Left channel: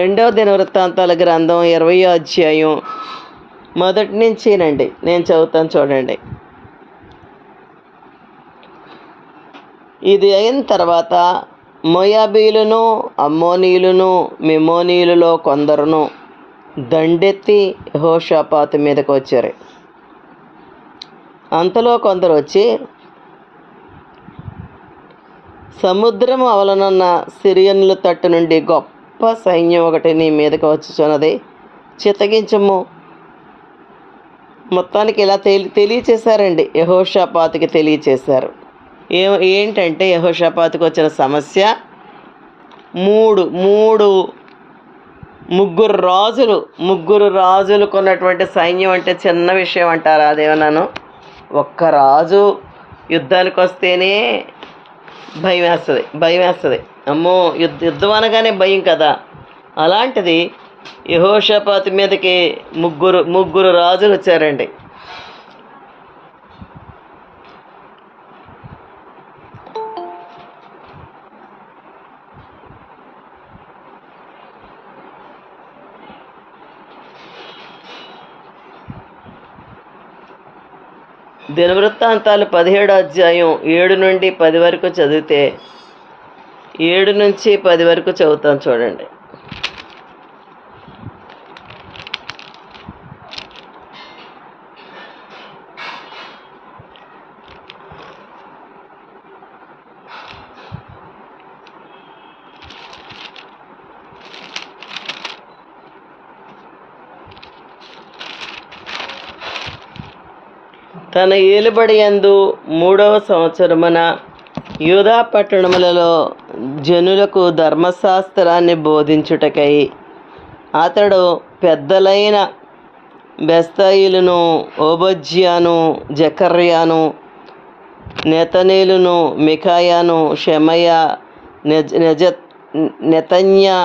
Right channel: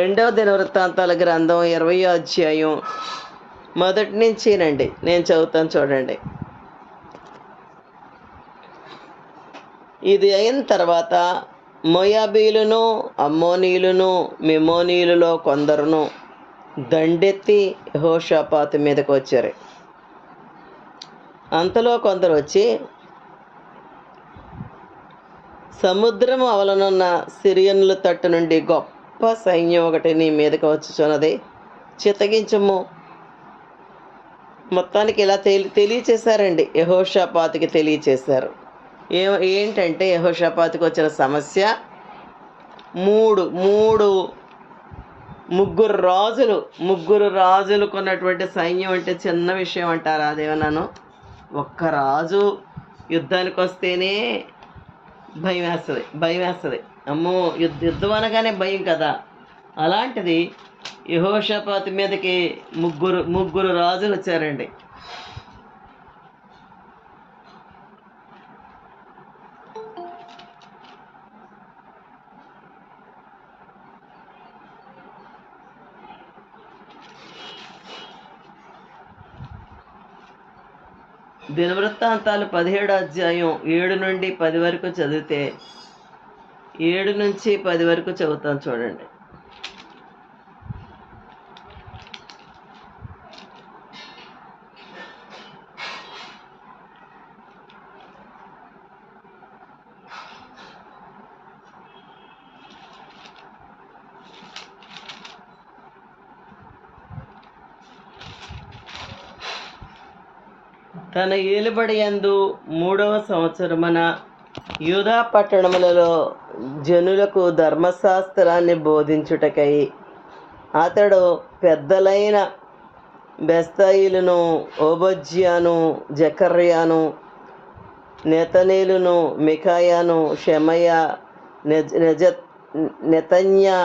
రెండవ దినవృత్తాంతాల గ్రంథం 20వ అధ్యాయం మొదటి నుంచినండి నేను చదువుతాను చూడండి. ఇది అయిన తర్వాత మోయాబీయులను, అమ్మోనీయులను, మెమోనీయులలో కొందరును దండెత్తి యెహోషాపాతు మీదకు వచ్చారు. అంతలో కొందరు వచ్చి, సముద్రము అవలనున్న సిరియనుల తట్టు నుండి గొప్ప సైన్యం ఒకటి నీ మీదకి వచ్చుచున్నది, చిత్తగించము. మొత్తానికి ఇలా తెలియచేశారండి. యెహోషాపాతుకి తెలియచేశారు. ఏంటంటే యెహోషాపాతుకి వచ్చిన సమస్య ముగ్గురు రాజులకు ఉన్నటువంటి సైన్యం అంటే చిన్న విషయం అంటారా? అదేమన్నాను, ఒక్క రాజు యుద్ధానికి వస్తేనే భయం వేస్తుంది. అమ్మో, యుద్ధం అనగానే భయం కదా. అలాంటిది యెహోషాపాతు మీదకి ముగ్గురు రాజులు వచ్చారండి. దినవృత్తాంతాలు 17వ అధ్యాయం 7 నుండి 10 వరకు చదివితే, 7 నుంచి 10 వరకు చదువుతాను చూడండి. తన ఏలుబడి యందు 3వ సంవత్సరమున యూదా పట్టణములలో జనులకు ధర్మశాస్త్రాన్ని బోధించుటకై అతడు పెద్దలైన బెస్తయిలును, ఓబజ్యాను, జకర్యాను, నెతనీలును, మికాయాను, షెమయ, నెతన్యా,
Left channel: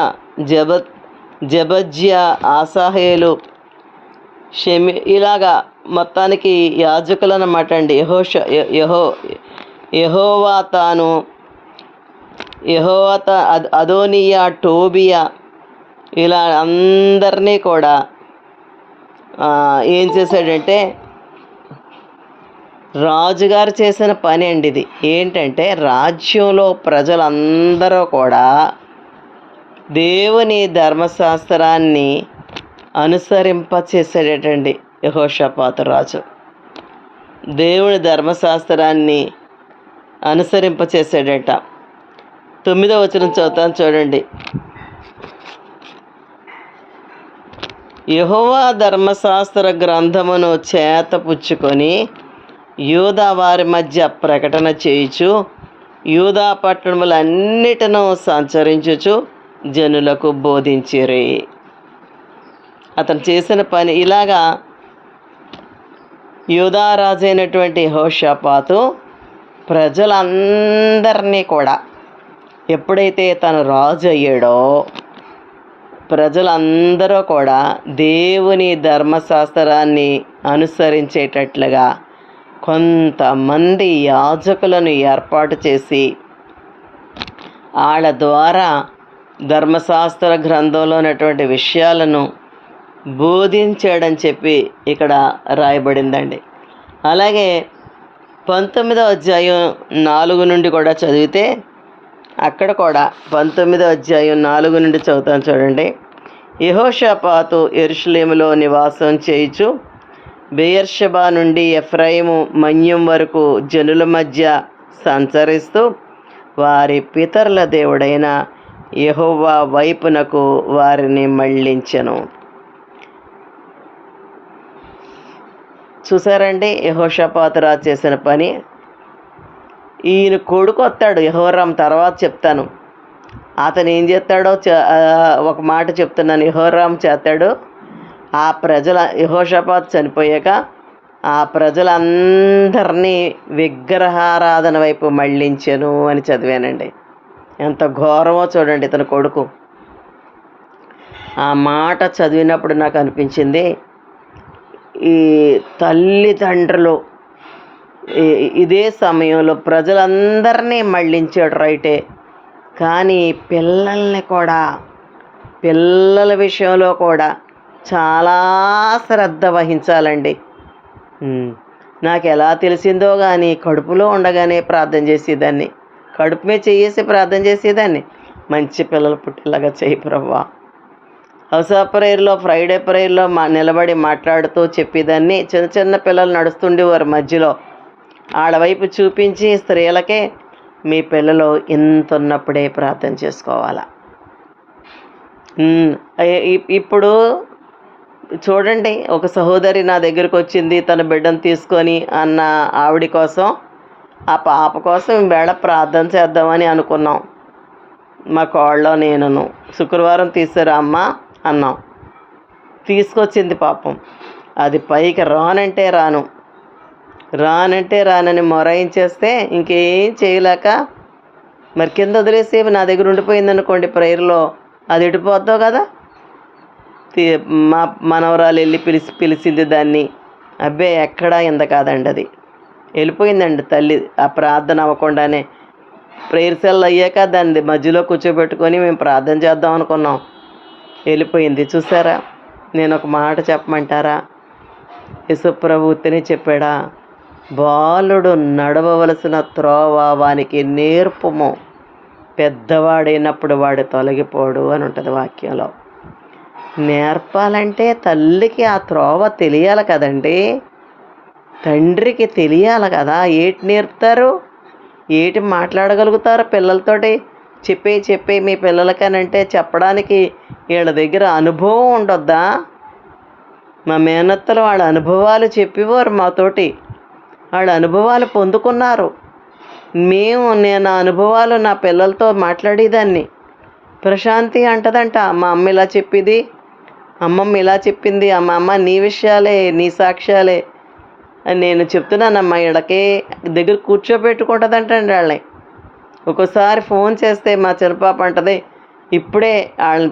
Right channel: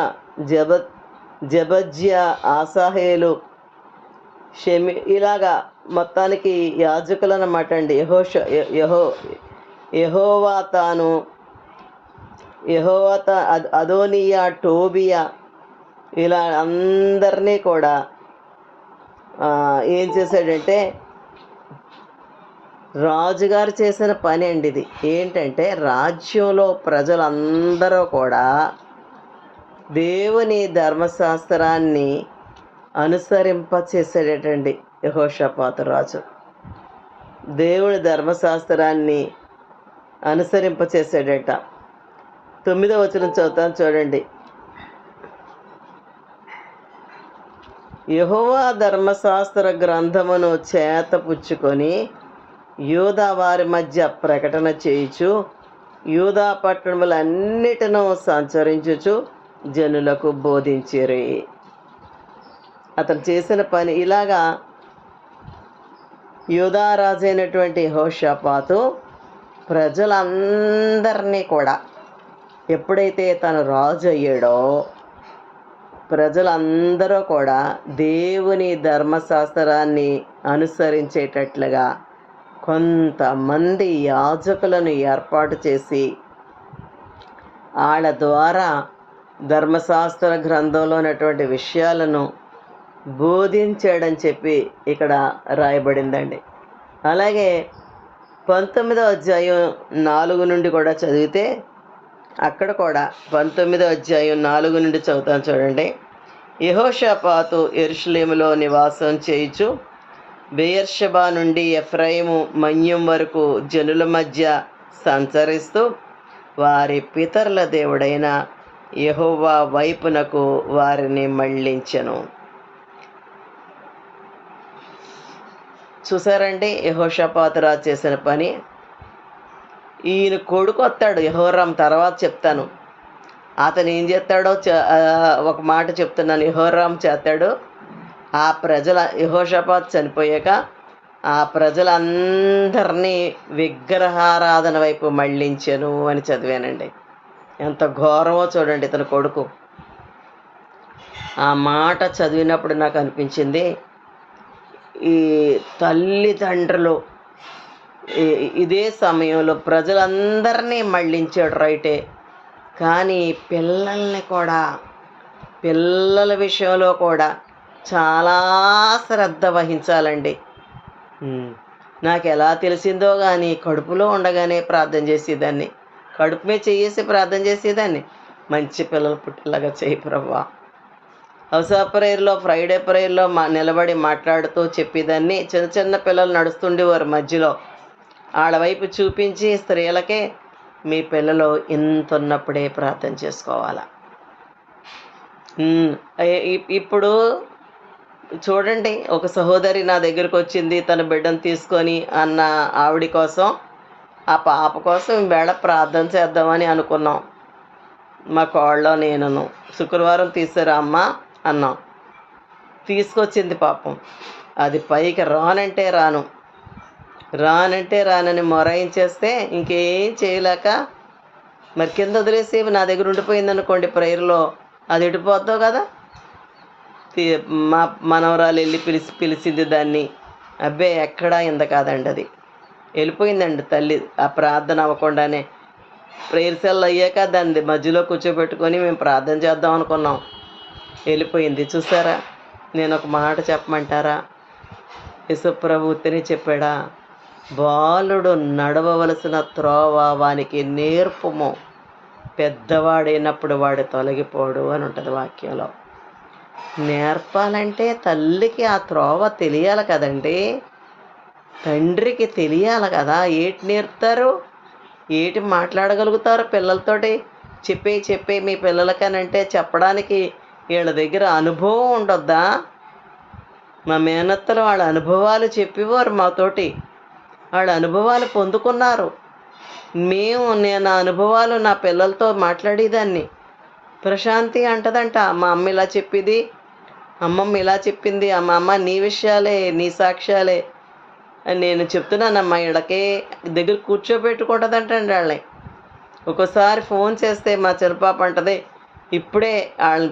జబజ్యా, ఆసాహేలు, ఇలాగా మొత్తానికి యాజకులన్నమాట అండి. యెహోవాతా, అదోనియా, టోబియా, ఇలా అందరినీ కూడా ఏం చేశాడంటే, రాజుగారు చేసిన పని అండి ఇది. ఏంటంటే, రాజ్యంలో ప్రజలందరూ కూడా దేవుని ధర్మశాస్త్రాన్ని అనుసరింపచేసేటండి. యెహోషాపాతు రాజు దేవుని ధర్మశాస్త్రాన్ని అనుసరింపచేసాడట. 9వ వచనం చదువుతాను చూడండి. యెహోవా ధర్మశాస్త్ర గ్రంథమును చేతపుచ్చుకొని యూదా వారి మధ్య ప్రకటన చేయుచు, యూదా పట్టణములన్నిటినూ సంచరించుచు జనులకు బోధించిరి. అతను చేసిన పని ఇలాగా. యూదా రాజైనటువంటి యెహోషాపాతు ప్రజలందరినీ కూడా, ఎప్పుడైతే తను రాజు అయ్యాడో, ప్రజలందరూ కూడా దేవుని ధర్మశాస్త్రాన్ని అనుసరించేటట్లుగా కొంతమంది యాజకులను ఏర్పాటు చేసి వాళ్ళ ద్వారా ధర్మశాస్త్ర గ్రంథంలో ఉన్నటువంటి విషయాలను బోధించాడని చెప్పి ఇక్కడ రాయబడిందండి. అలాగే 19వ అధ్యాయం 4 నుండి కూడా చదివితే, అక్కడ కూడా 19వ అధ్యాయం 4 నుండి చదువుతాను చూడండి. యెహోషాపాతు యెరూషలేములో నివాసం చేయుచు బెయేర్షెబా నుండి ఎఫ్రాయిము మన్యం వరకు జనుల మధ్య సంచరిస్తూ వారి పితరుల దేవుడైన యెహోవా వైపునకు వారిని మళ్ళించెను. చూసారండి యెహోషాపాతు రాజు చేసిన పని. ఈయన కొడుకు వస్తాడు యెహోరాం, తర్వాత చెప్తాను. అతను ఏం చేస్తాడో ఒక మాట చెప్తున్నాను. యెహోరాం చేస్తాడు. ఆ యెహోషాపాతు చనిపోయాక ఆ ప్రజలందరినీ విగ్రహారాధన వైపు మళ్ళించెను అని చదివానండి. ఎంత ఘోరమో చూడండి ఇతని కొడుకు. ఆ మాట చదివినప్పుడు నాకు అనిపించింది, ఈ తల్లిదండ్రులు ఇదే సమయంలో ప్రజలందరినీ మళ్ళించాడు రైటే, కానీ పిల్లల విషయంలో కూడా చాలా శ్రద్ధ వహించాలండి. నాకు ఎలా తెలిసిందో కానీ కడుపులో ఉండగానే ప్రార్థన చేసేదాన్ని, కడుపు మీద చేసి ప్రార్థన చేసేదాన్ని, మంచి పిల్లలు పుట్టేలాగా చేయి ప్రభువా. హౌస్ ఆఫ్ ప్రేయర్లో, ఫ్రైడే ప్రేయర్లో నిలబడి మాట్లాడుతూ చెప్పేదాన్ని. చిన్న చిన్న పిల్లలు నడుస్తుండేవారు మధ్యలో, వాళ్ళ వైపు చూపించి స్త్రీలకే మీ పిల్లలు ఇంత ఉన్నప్పుడే ప్రార్థన చేసుకోవాలా. ఇప్పుడు చూడండి, ఒక సహోదరి నా దగ్గరకు వచ్చింది తన బిడ్డను తీసుకొని అన్న ఆవిడ కోసం, ఆ పాప కోసం ఈవేళ ప్రార్థన చేద్దామని అనుకున్నాం. మా కోళ్ళ నేనును శుక్రవారం తీసారా అమ్మ అన్నాం. తీసుకొచ్చింది పాపం. అది పైకి రానంటే రానని మొరాయించేస్తే ఇంకేం చేయలేక మరి కింద వదిలేసి నా దగ్గర ఉండిపోయింది అనుకోండి ప్రేయర్లో, అది ఇడిపోద్దావు కదా. మా మనవరాలు వెళ్ళి పిలిచింది దాన్ని. అబ్బే ఎక్కడా ఇంత కాదండి, అది వెళ్ళిపోయిందండి తల్లి. ఆ ప్రార్థన అవ్వకుండానే ప్రేయర్ సెల్ అయ్యాక దాన్ని మధ్యలో కూర్చోబెట్టుకొని మేము ప్రార్థన చేద్దాం అనుకున్నాం, వెళ్ళిపోయింది. చూసారా, నేను ఒక మాట చెప్పమంటారా? యేసుప్రభు ఉత్తనే చెప్పాడా, బాలుడు నడవవలసిన త్రోవ వానికి నేర్పుము, పెద్దవాడైనప్పుడు వాడు తొలగిపోడు అని ఉంటుంది వాక్యంలో. నేర్పాలంటే తల్లికి ఆ త్రోవ తెలియాలి కదండి, తండ్రికి తెలియాలి కదా. ఏటి నేర్పుతారు, ఏటి మాట్లాడగలుగుతారు పిల్లలతోటి? చెప్పే మీ పిల్లలకనంటే చెప్పడానికి వీళ్ళ దగ్గర అనుభవం ఉండొద్దా? మా మేనత్తలు వాళ్ళ అనుభవాలు చెప్పేవారు మాతోటి, వాళ్ళ అనుభవాలు పొందుకున్నారు. నేను ఆ అనుభవాలు నా పిల్లలతో మాట్లాడేదాన్ని. ప్రశాంతి అంటదంట, మా అమ్మ ఇలా చెప్పింది, అమ్మమ్మ ఇలా చెప్పింది, అమ్మ నీ విషయాలే, నీ సాక్ష్యాలే అని నేను చెప్తున్నానమ్మా. ఇళ్ళకే దగ్గర కూర్చోబెట్టుకుంటుందంటండి వాళ్ళని. ఒక్కోసారి ఫోన్ చేస్తే మా చిన్నపాప అంటది, ఇప్పుడే వాళ్ళని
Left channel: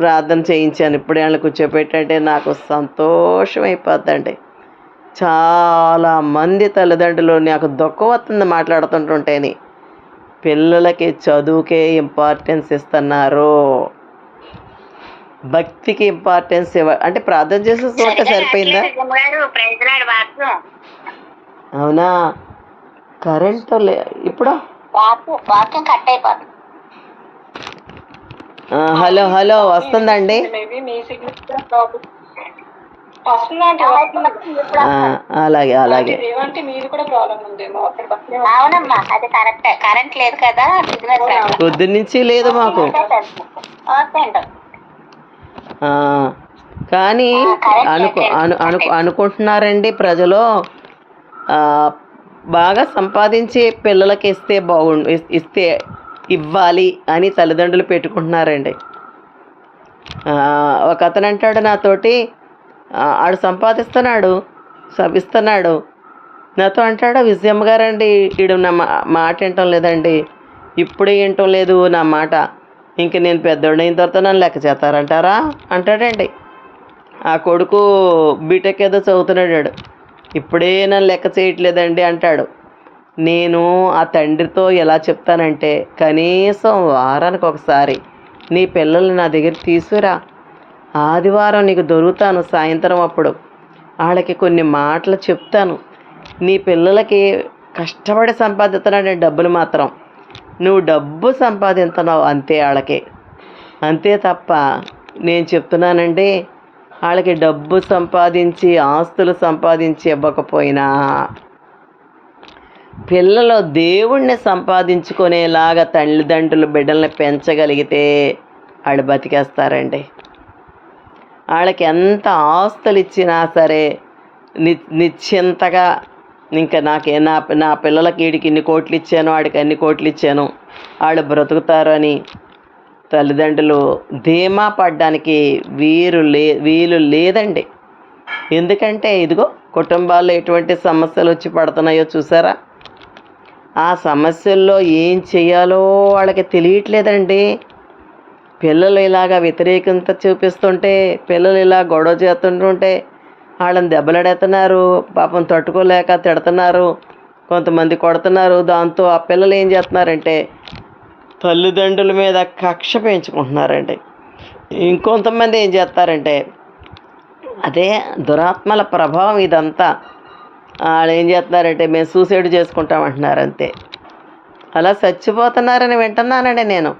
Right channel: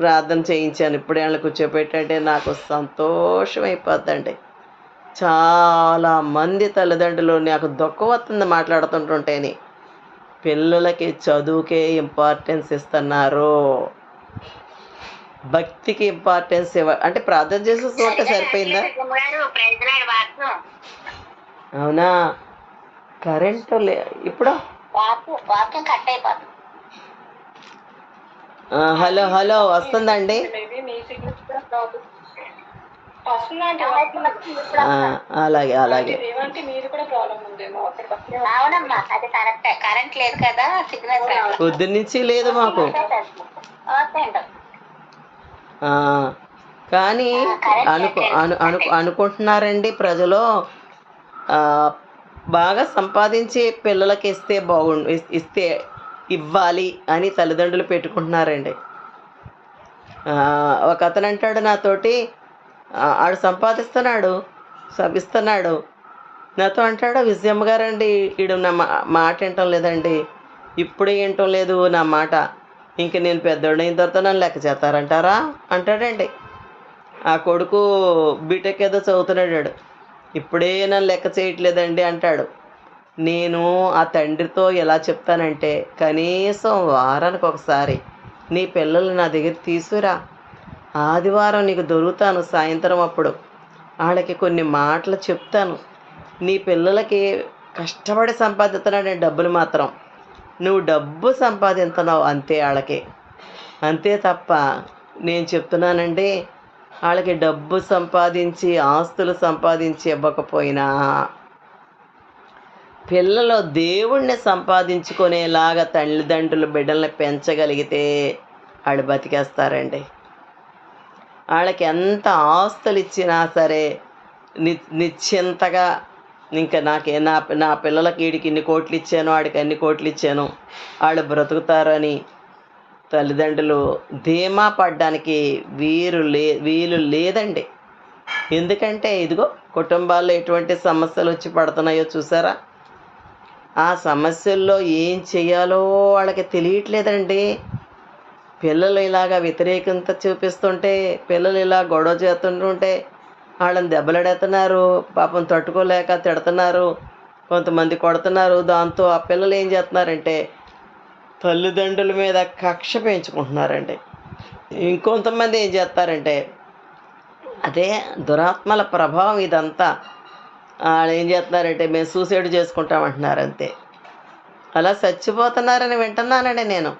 ప్రార్థన చేయించాను, ఇప్పుడే వాళ్ళని కూర్చోబెట్టంటే నాకు సంతోషం అయిపోద్దండి. చాలామంది తల్లిదండ్రులు నాకు దుఃఖం వస్తుంది మాట్లాడుతుంటుంటేని, పిల్లలకి చదువుకే ఇంపార్టెన్స్ ఇస్తున్నారు, భక్తికి ఇంపార్టెన్స్ అంటే ప్రార్థన చేసే చోట సరిపోయిందా? అవునా, కరెంటు ఇప్పుడు హలో వస్తుందండి. అలాగే పొద్దున్నుంచి లేదు మాకు. కానీ అనుకుంటున్నారండి ప్రజలు, బాగా సంపాదించి పిల్లలకి ఇస్తే ఇవ్వాలి అని తల్లిదండ్రులు పెట్టుకుంటున్నారండి. ఒక అతను అంటాడు నాతోటి, ఆడు సంపాదిస్తున్నాడు, ఇస్తున్నాడు, నాతో అంటాడు, విజయమ్మ గారండి వీడు నా మాట వినటం లేదండి, ఇప్పుడే వినటం లేదు నా మాట, ఇంక నేను పెద్దోడైన తర్వాత నన్ను లెక్క చేస్తారంటారా అంటాడండి. ఆ కొడుకు బీటెక్ ఏదో చదువుతున్నాడు, ఇప్పుడే నన్ను లెక్క చేయట్లేదండి అంటాడు. నేను ఆ తండ్రితో ఎలా చెప్తానంటే, కనీసం వారానికి ఒకసారి నీ పిల్లలు నా దగ్గర తీసుకురా, ఆదివారం నీకు దొరుకుతాను సాయంత్రం, అప్పుడు వాళ్ళకి కొన్ని మాటలు చెప్తాను. నీ పిల్లలకి కష్టపడి సంపాదిస్తున్నాడు డబ్బులు మాత్రం, నువ్వు డబ్బు సంపాదిస్తున్నావు అంతే వాళ్ళకి, అంతే తప్ప నేను చెప్తున్నానండి, వాళ్ళకి డబ్బు సంపాదించి ఆస్తులు సంపాదించి ఇవ్వకపోయినా పిల్లలు దేవుణ్ణి సంపాదించుకునేలాగా తల్లిదండ్రులు బిడ్డల్ని పెంచగలిగితే వాళ్ళు బతికేస్తారండి. వాళ్ళకి ఎంత ఆస్తులు ఇచ్చినా సరే నిశ్చింతగా, ఇంకా నా పిల్లలకి వీడికి ఇన్ని కోట్లు ఇచ్చాను, వాడికి అన్ని కోట్లు ఇచ్చాను, వాళ్ళు బ్రతుకుతారు అని తల్లిదండ్రులు ధీమా పడ్డానికి వీలు లేదండి. ఎందుకంటే ఇదిగో కుటుంబాల్లో ఎటువంటి సమస్యలు వచ్చి పడుతున్నాయో చూసారా, ఆ సమస్యల్లో ఏం చేయాలో వాళ్ళకి తెలియట్లేదండి. పిల్లలు ఇలాగా వ్యతిరేకత చూపిస్తుంటే, పిల్లలు ఇలా గొడవ చేస్తుంటుంటే వాళ్ళని దెబ్బలాడేస్తున్నారు, పాపం తట్టుకోలేక తిడుతున్నారు, కొంతమంది కొడుతున్నారు. దాంతో ఆ పిల్లలు ఏం చేస్తున్నారంటే తల్లిదండ్రుల మీద కక్ష పెంచుకుంటున్నారండి. ఇంకొంతమంది ఏం చేస్తారంటే అదే దురాత్మల ప్రభావం ఇదంతా. వాళ్ళు ఏం చేస్తున్నారంటే మేము సూసైడ్ చేసుకుంటామంటున్నారు అంతే. అలా చచ్చిపోతున్నారని వింటున్నానండి నేను,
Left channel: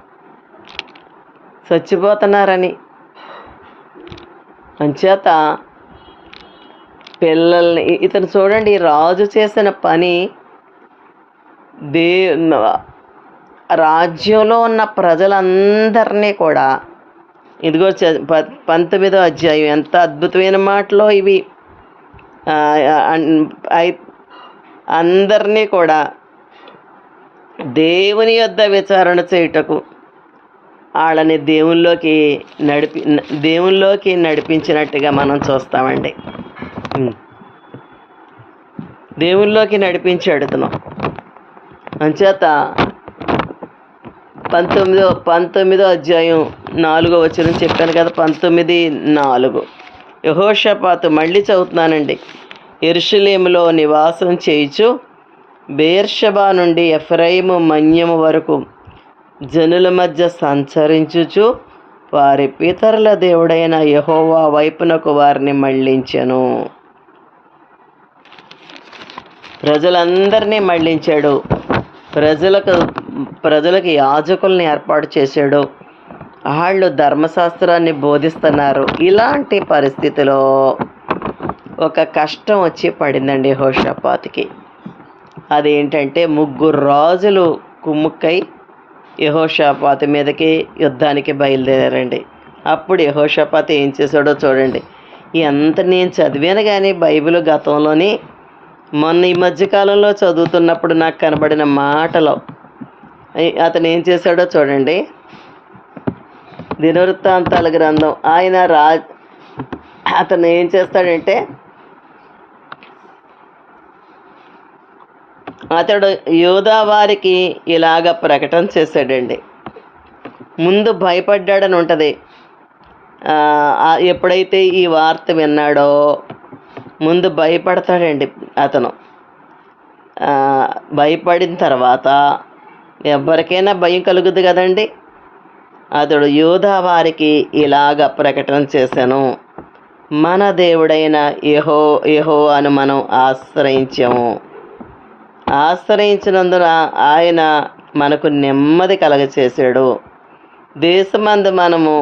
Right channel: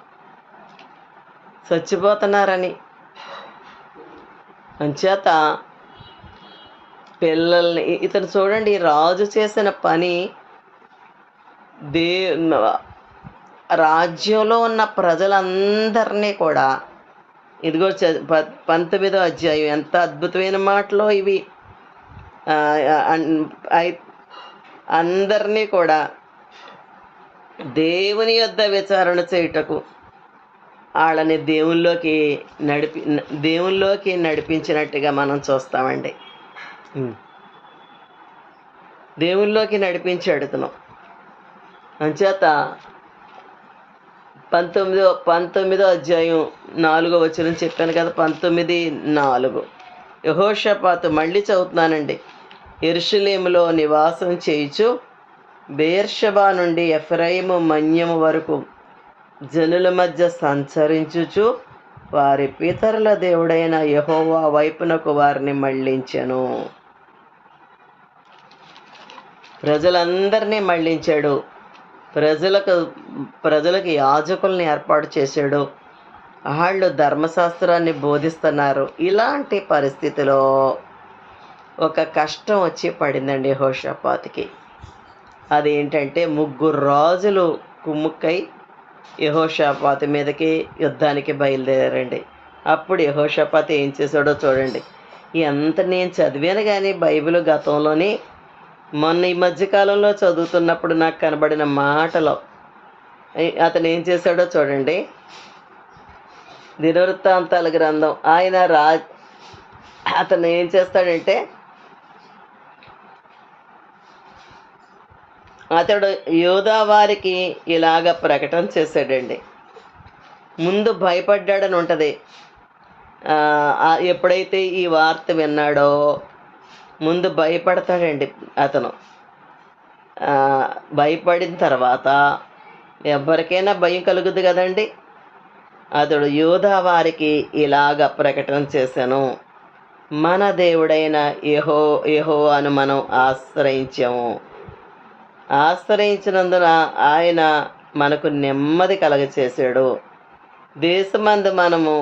చచ్చిపోతున్నారని. అంచేత పిల్లల్ని ఇతను చూడండి, రాజు చేసిన పని దే రాజ్యంలో ఉన్న ప్రజలందరినీ కూడా ఇదిగో 19వ అధ్యాయం ఎంత అద్భుతమైన మాటలో ఇవి. అందరినీ కూడా దేవుని యొద్ద విచారణ చేయుటకు వాళ్ళని దేవుల్లోకి నడిపించినట్టుగా మనం చూస్తామండి. దేవుల్లోకి నడిపించాడుతున్నాం. అంచేత 19వ అధ్యాయం 4వ వచనం చెప్పాను కదా, 19:4. యెహోషాపాతు, మళ్ళీ చదువుతున్నానండి. యెరూషలేములో నివాసం చేయుచు బెయేర్షెబా నుండి ఎఫ్రాయిము మన్యము వరకు జనుల మధ్య సంచరించుచు వారి పితరుల దేవుడైన యెహోవా వైపునకు వారిని మళ్ళించెను. ప్రజలందరినీ మళ్ళించాడు. ప్రజలకు యాజకుల్ని ఏర్పాటు చేశాడు. వాళ్ళు ధర్మశాస్త్రాన్ని బోధిస్తున్నారు. ఇలాంటి పరిస్థితిలో ఒక కష్టం వచ్చి పడిందండి యెహోషాపాతుకి. అదేంటంటే 3 రాజులు కుమ్ముక్కై యెహోషాపాతు మీదకి యుద్ధానికి బయలుదేరారండి. అప్పుడు యెహోషాపాతు ఏం చేశాడో చూడండి. ఎంత నేను చదివాను కానీ బైబిల్ గతంలోని మొన్న ఈ మధ్యకాలంలో చదువుతున్నప్పుడు నాకు కనబడిన మాటలో అతను ఏం చేశాడో చూడండి. దినవృత్తాంతాల గ్రంథం అతను ఏం చేస్తాడంటే, అతడు యూదా వారికి ఇలాగ ప్రకటన చేశాడండి. ముందు భయపడ్డాడని ఉంటుంది. ఎప్పుడైతే ఈ వార్త విన్నాడో ముందు భయపడతాడండి అతను. భయపడిన తర్వాత ఎవరికైనా భయం కలుగుద్ది కదండి. అతడు యూదా వారికి ఇలాగ ప్రకటన చేశాను, మన దేవుడైన యెహోవాను మనం ఆశ్రయించినందున ఆయన మనకు నెమ్మది కలగచేశాడు. దేశమందు మనము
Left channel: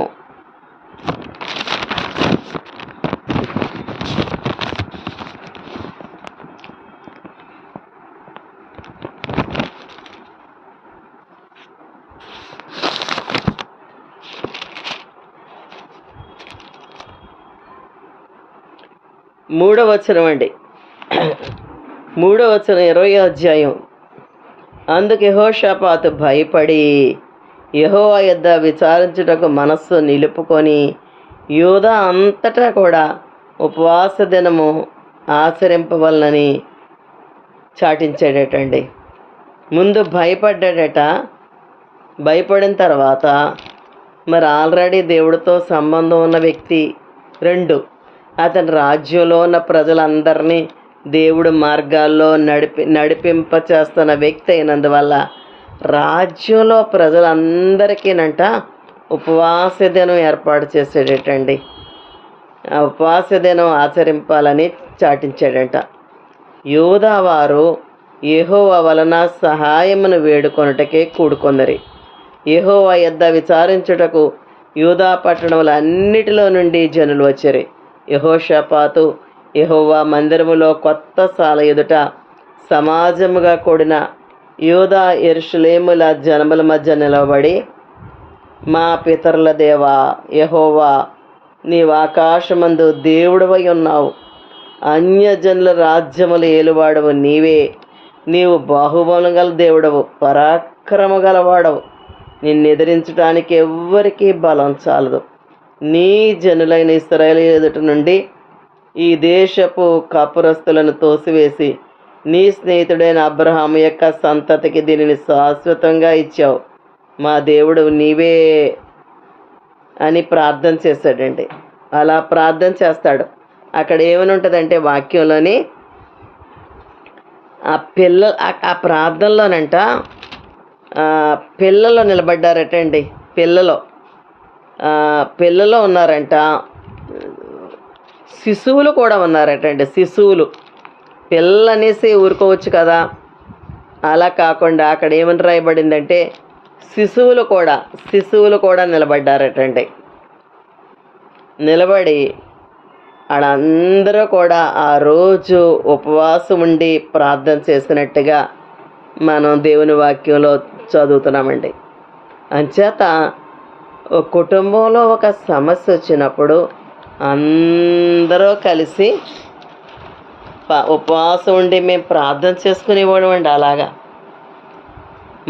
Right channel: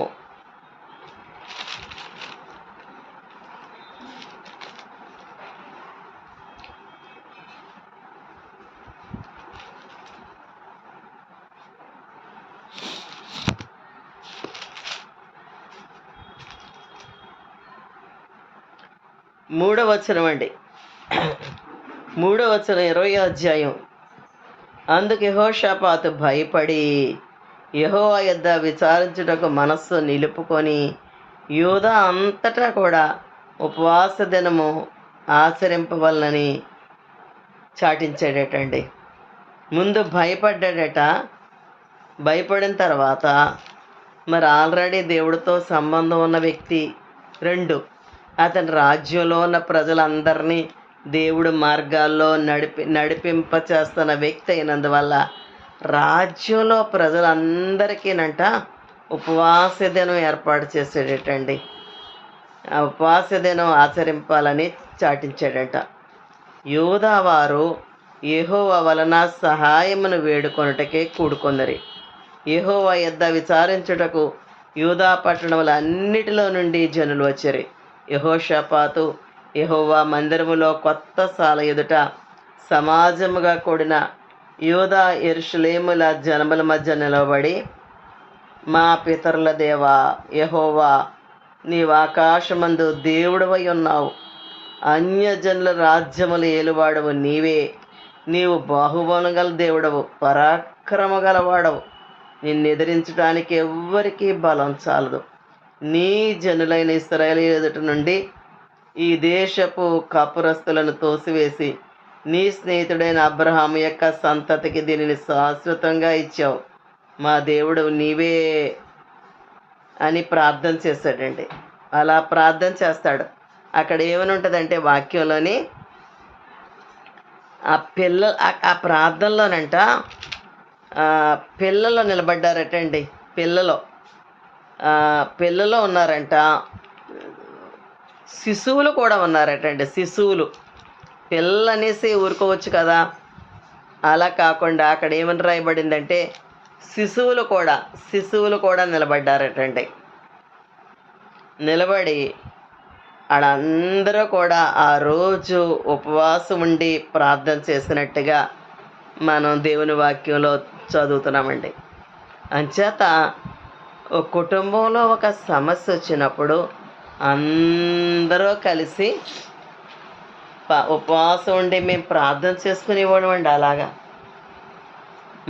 మూడవ వచనం అండి, 20వ అధ్యాయం. అందుకు యెహోషాపాతు భయపడి యెహోవా యొద్ద విచారించుటకు మనస్సు నిలుపుకొని యూదా అంతటా కూడా ఉపవాస దినము ఆచరింపవలనని చాటించాడటండి. ముందు భయపడ్డాడట. భయపడిన తర్వాత మరి ఆల్రెడీ దేవుడితో సంబంధం ఉన్న వ్యక్తి. 2, అతని రాజ్యంలో ఉన్న ప్రజలందరినీ దేవుడు మార్గాల్లో నడిపింప చేస్తున్న వ్యక్తి అయినందువల్ల రాజ్యంలో ప్రజలందరికీనంట ఉపవాస దినం ఏర్పాటు చేసాడటండి. ఉపవాస దినం ఆచరింపాలని చాటించాడట. యూదా వారు యెహోవా వలన సహాయమును వేడుకొనుటకే కూడుకొందరి. యెహోవా యొద్ద విచారించుటకు యూదా పట్టణముల అన్నిటిలో నుండి జనులు వచ్చారు. యెహోషాపాతు యెహోవా మందిరములో కొత్త సాల ఎదుట సమాజముగా కూడిన యూదా యెరూషలేముల జనముల మధ్య నిలబడి, మా పితరుల దేవా యెహోవా, నీవు ఆకాశమందు దేవుడవై ఉన్నావు. అన్యజనుల రాజ్యములు ఏలువాడవు నీవే. నీవు బాహుబలం గల దేవుడవు, పరాక్రమ గలవాడవు. నిన్ను ఎదిరించడానికి ఎవ్వరికీ బలం చాలదు. నీ జనులైన ఇశ్రాయేలు ఎదుట నుండి ఈ దేశపు కాపురస్తులను తోసివేసి నీ స్నేహితుడైన అబ్రహాము యొక్క సంతతికి దీనిని శాశ్వతంగా ఇచ్చావు. మా దేవుడు నీవే అని ప్రార్థన చేశాడండి. అలా ప్రార్థన చేస్తాడు. అక్కడ ఏమని ఉంటుందంటే వాక్యంలోని ఆ ప్రార్థనలోనంట పిల్లలు నిలబడ్డారటండి. పిల్లలు పిల్లలు ఉన్నారంట, శిశువులు కూడా ఉన్నారటండి. శిశువులు, పిల్లలు అనేసి ఊరుకోవచ్చు కదా, అలా కాకుండా అక్కడ ఏమని రాయబడిందంటే శిశువులు కూడా నిలబడ్డారటండి. నిలబడి వాళ్ళందరూ కూడా ఆ రోజు ఉపవాసం ఉండి ప్రార్థన చేసినట్టుగా మనం దేవుని వాక్యంలో చదువుతున్నామండి. అంచేత ఒక కుటుంబంలో ఒక సమస్య వచ్చినప్పుడు అందరూ కలిసి ఉపవాసం ఉండి మేము ప్రార్థన చేసుకునేవాడు అండి. అలాగా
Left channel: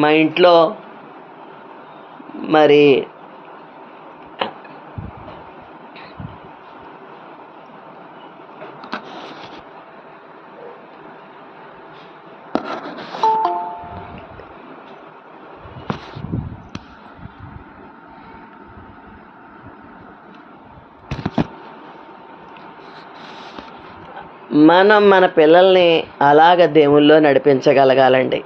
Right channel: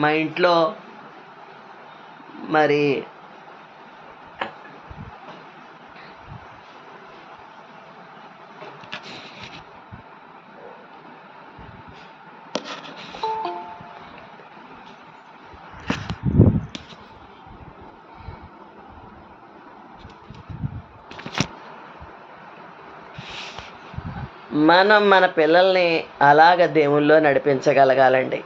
మా ఇంట్లో మరి మన పిల్లల్ని అలాగ దేవుల్లో నడిపించగలగాలండి.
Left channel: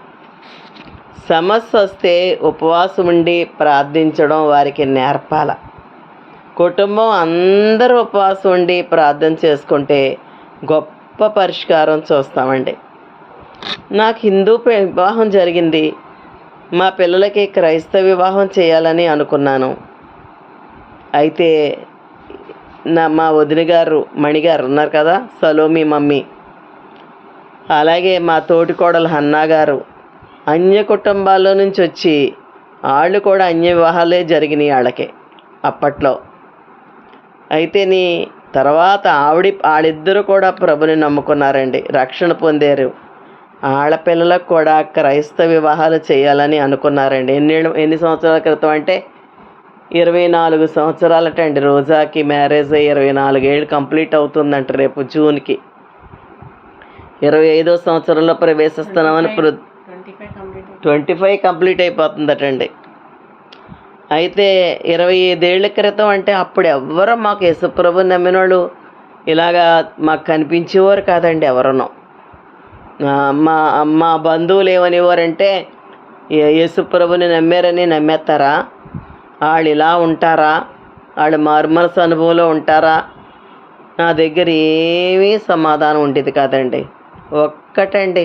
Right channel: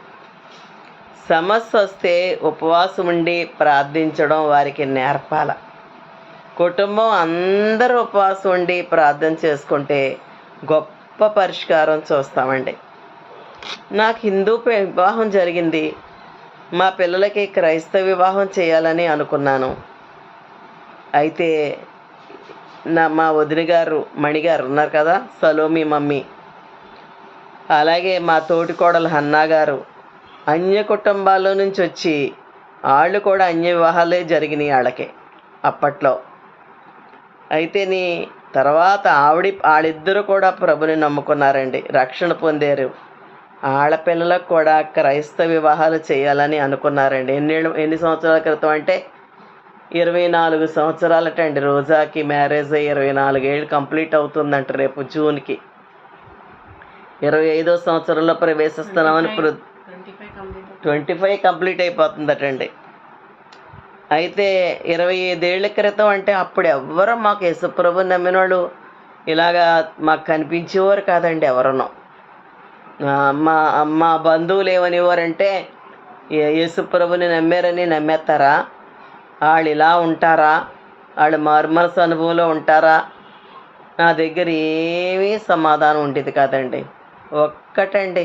సమస్య వస్తే ఉపవాసం ఉండి ప్రార్థించడం వారికి నేర్పాల. కుటుంబం అందరూ ఉపవాసం ఉండి ప్రార్థన చేసుకుంటే గొప్ప పరిష్కారం చూస్తామండి. నాకు హిందూ వివాహం జరిగింది, మా పిల్లలకి క్రైస్తవ వివాహం చేయాలని అనుకున్నాను. అయితే మా వదిన గారు మణిగారు ఉన్నారు కదా, సలోమి మమ్మీ, అలాగే మా తోటికోడలు హన్నా గారు అన్య కుటుంబాల్లో నుంచి వచ్చి వాళ్ళు కూడా అన్య వివాహాలే జరిగినాయి వాళ్ళకి అప్పట్లో. అయితే తర్వాత వాళ్ళిద్దరూ కూడా ప్రభుని నమ్ముకున్నారండి, రక్షణ పొందారు. వాళ్ళ పిల్లలకు కూడా క్రైస్తవ వివాహాలు చేయాలని అనుకున్నారండి. ఎన్ని సంవత్సరాల క్రితం అంటే 24 సంవత్సరాలటండి. రోజాకి మ్యారేజ్ అయ్యి 24 ఏళ్ళు కంప్లీట్ అవుతుందంట. రేపు జూన్కి 25వ సంవత్సరంలో ప్రవేశిస్తున్నామని 25 కంప్లీట్ అయిపోతుందటండి. అయితే 25 ఏళ్ల క్రితం అంటే అప్పుడు ఎవ్వరూ మాకు యేసుప్రభు నమ్మిన వాళ్ళు ఇలాగా మాకు కనిపించేవారు కాదండి ఎవరనో. మా బంధువులు ఏమనేవారంటే, యేసుప్రభుని నమ్మారని నమ్మేస్తారా, వాళ్ళు ఇలా ఉంటారా, వాళ్ళు మారుమనసు అనుభవంలో ఉంటారా? నా దగ్గర ఏమీ సమాధానం ఉండేది కాదండి. ఒక్కటండి,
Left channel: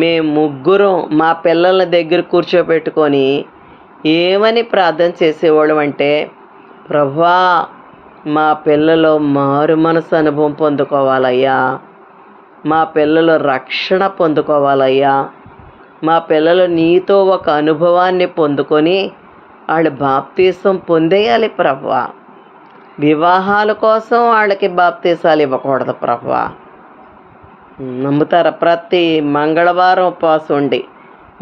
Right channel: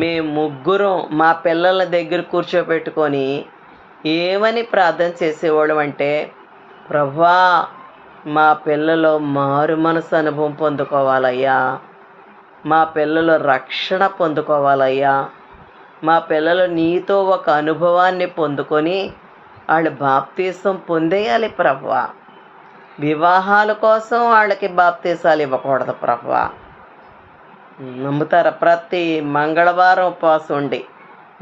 మేము ముగ్గురం మా పిల్లల దగ్గర కూర్చోబెట్టుకొని ఏమని ప్రార్థన చేసేవాళ్ళం అంటే, ప్రభువా మా పిల్లలు మారు మనసు అనుభవం పొందుకోవాలయ్యా, మా పిల్లలు రక్షణ పొందుకోవాలయ్యా, మా పిల్లలు నీతో ఒక అనుభవాన్ని పొందుకొని వాళ్ళు బాప్తీసం పొందేయాలి ప్రభువా. వివాహాల కోసం వాళ్ళకి బాప్తీసాలు ఇవ్వకూడదు ప్రభువా. నమ్ముతారా? ప్రతి మంగళవారం ఉపవాసం ఉండి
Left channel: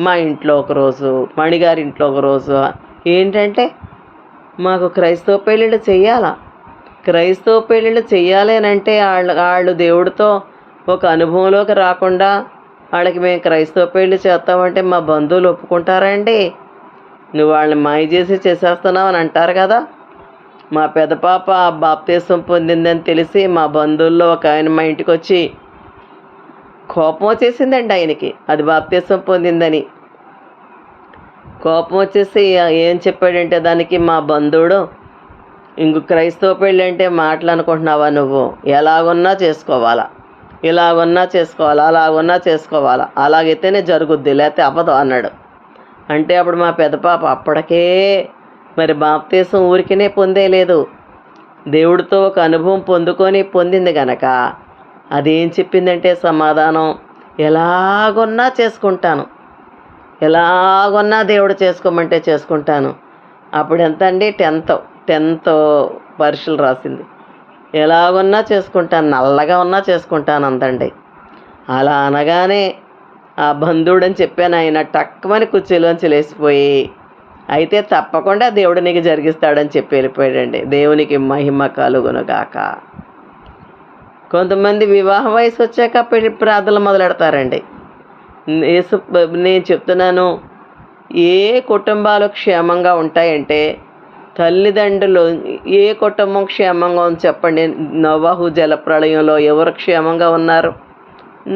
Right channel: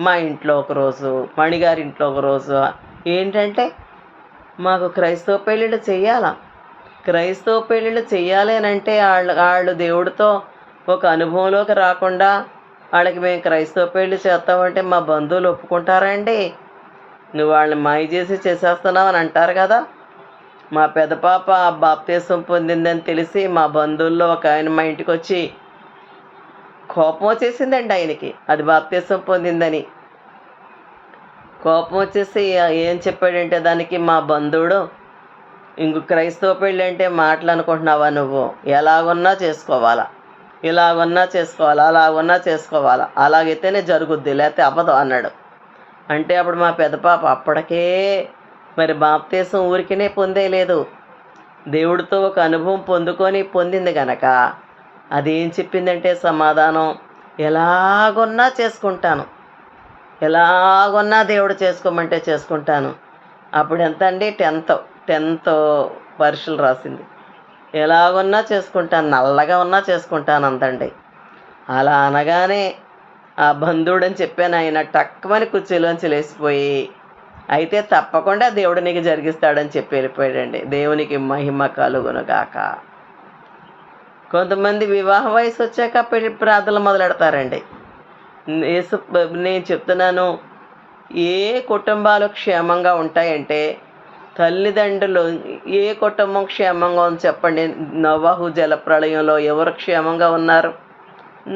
మా ఇంట్లో ఒకరోజు, మణిగారి ఇంట్లో ఒకరోజు, ఏంటంటే మాకు క్రైస్తవ పెళ్ళిళ్ళు చెయ్యాలా, క్రైస్తవ పెళ్ళిళ్ళు చెయ్యాలి అని అంటే వాళ్ళు దేవుడితో ఒక అనుభవంలోకి రాకుండా వాళ్ళకి మేము క్రైస్తవ పెళ్ళి చేస్తామంటే మా బంధువులు ఒప్పుకుంటారా అండి? నువ్వు వాళ్ళని మాయ చేసి చేసేస్తున్నావు అని అంటారు కదా. మా పెద్ద పాప బాప్తీసం పొందిందని తెలిసి మా బంధువుల్లో ఒక ఆయన మా ఇంటికి వచ్చి కోపం వచ్చేసిందండి ఆయనకి, అది బాప్తీసం పొందిందని. కోపం వచ్చేసి ఏం చెప్పాడంటే దానికి మా బంధువుడు, ఇంక క్రైస్తవ పెళ్ళి అంటే మాటలు అనుకుంటున్నావా నువ్వు, ఎలాగున్నా చేసుకోవాలా, ఇలాగున్నా చేసుకోవాలా, అలాగున్నా చేసుకోవాలా, అలాగైతేనే జరుగుద్ది, లేకపోతే అవ్వదు అన్నాడు. అంటే అప్పుడు మా పెద్ద పాప అప్పటికే మరి బాప్తీసం ఊరికినే పొందేలేదు, దేవుడితో ఒక అనుభవం పొందింది గనక అదేం చెప్పిందంటే సమాధానం, ఎలాగొన్నా చేసుకుంటాను, ఎలాగొన్నా దేవుడు చేసుకోమంటే చేసుకుంటాను. అప్పుడు ఎంత అండి, 10th పరీక్షలు రాసింది. ఎలాగొన్నా చేసుకుంటాను, నల్లగా ఉన్నా చేసుకుంటాను అంతండి. అలా అనగానే ఆ బంధువుడని చెప్పాను, ఆయన టక్కుమని కుర్చీలోంచి లేచిపోయి, అయితే తప్పకుండా దేవుడు నీకు జరిగిస్తాడని చెప్పి వెళ్ళిపోయాడండి. దేవునికి మహిమ కలుగునుగాక. కొంతమంది వివాహ వయసు వచ్చాక పెళ్లి ప్రార్థనలు మొదలెడతారండి. నేను చెప్తున్నాను, ఏ కుటుంబాలు క్షేమంగా ఉంటాయంటే, తల్లిదండ్రులు, ఏ కుటుంబం క్షేమంగా ఉంది చెప్పండి? నోవహు జలప్రళయంలో ఎవరు క్షేమంగా ఉన్నారు?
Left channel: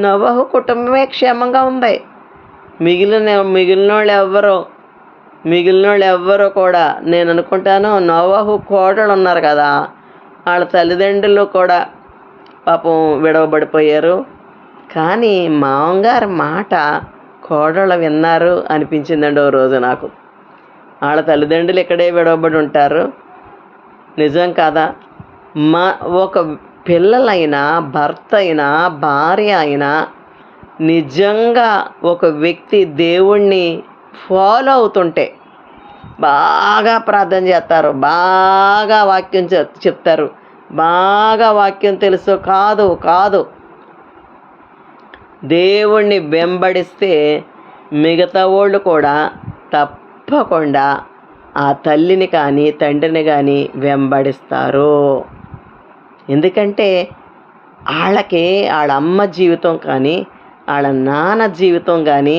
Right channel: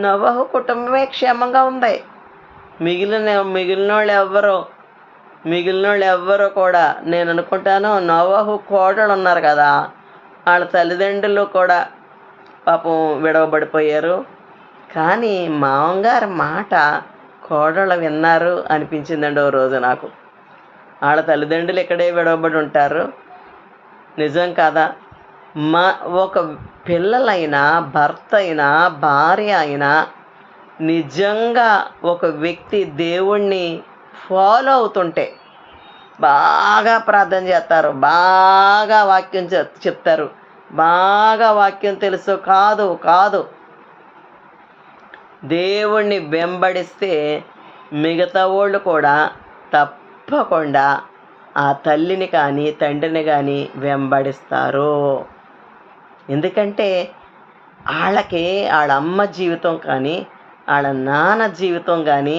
నోవహు కుటుంబమే క్షేమంగా ఉంది. మిగిలిన వాళ్ళు ఎవ్వరూ మిగిలిన వాళ్ళు ఎవ్వరూ కూడా, నేను అనుకుంటాను నోవహు కోడలు ఉన్నారు కదా, వాళ్ళ తల్లిదండ్రులు కూడా పాపం విడవబడిపోయారు. కానీ మామగారి మాట కోడళ్ళు విన్నారు అనిపించిందండి ఓ రోజు నాకు. వాళ్ళ తల్లిదండ్రులు ఇక్కడే విడవబడి ఉంటారు. నిజం కాదా? మా ఒక పిల్లలైనా, భర్త అయినా, భార్య అయినా నిజంగా ఒక వ్యక్తి దేవుణ్ణి ఫాలో అవుతుంటే బాగా ప్రార్థన చేస్తారు, బాగా వాక్యం చెప్తారు, బాగా వాక్యం తెలుసు కాదు కాదు దేవుణ్ణి వెంబడిస్తే మిగతా వాళ్ళు కూడా తప్పకుండా ఆ తల్లిని కానీ తండ్రిని కానీ వెంబడిస్తారు. ఎందుకంటే వాళ్ళకి వాళ్ళ అమ్మ జీవితం కానీ వాళ్ళ నాన్న జీవితం కానీ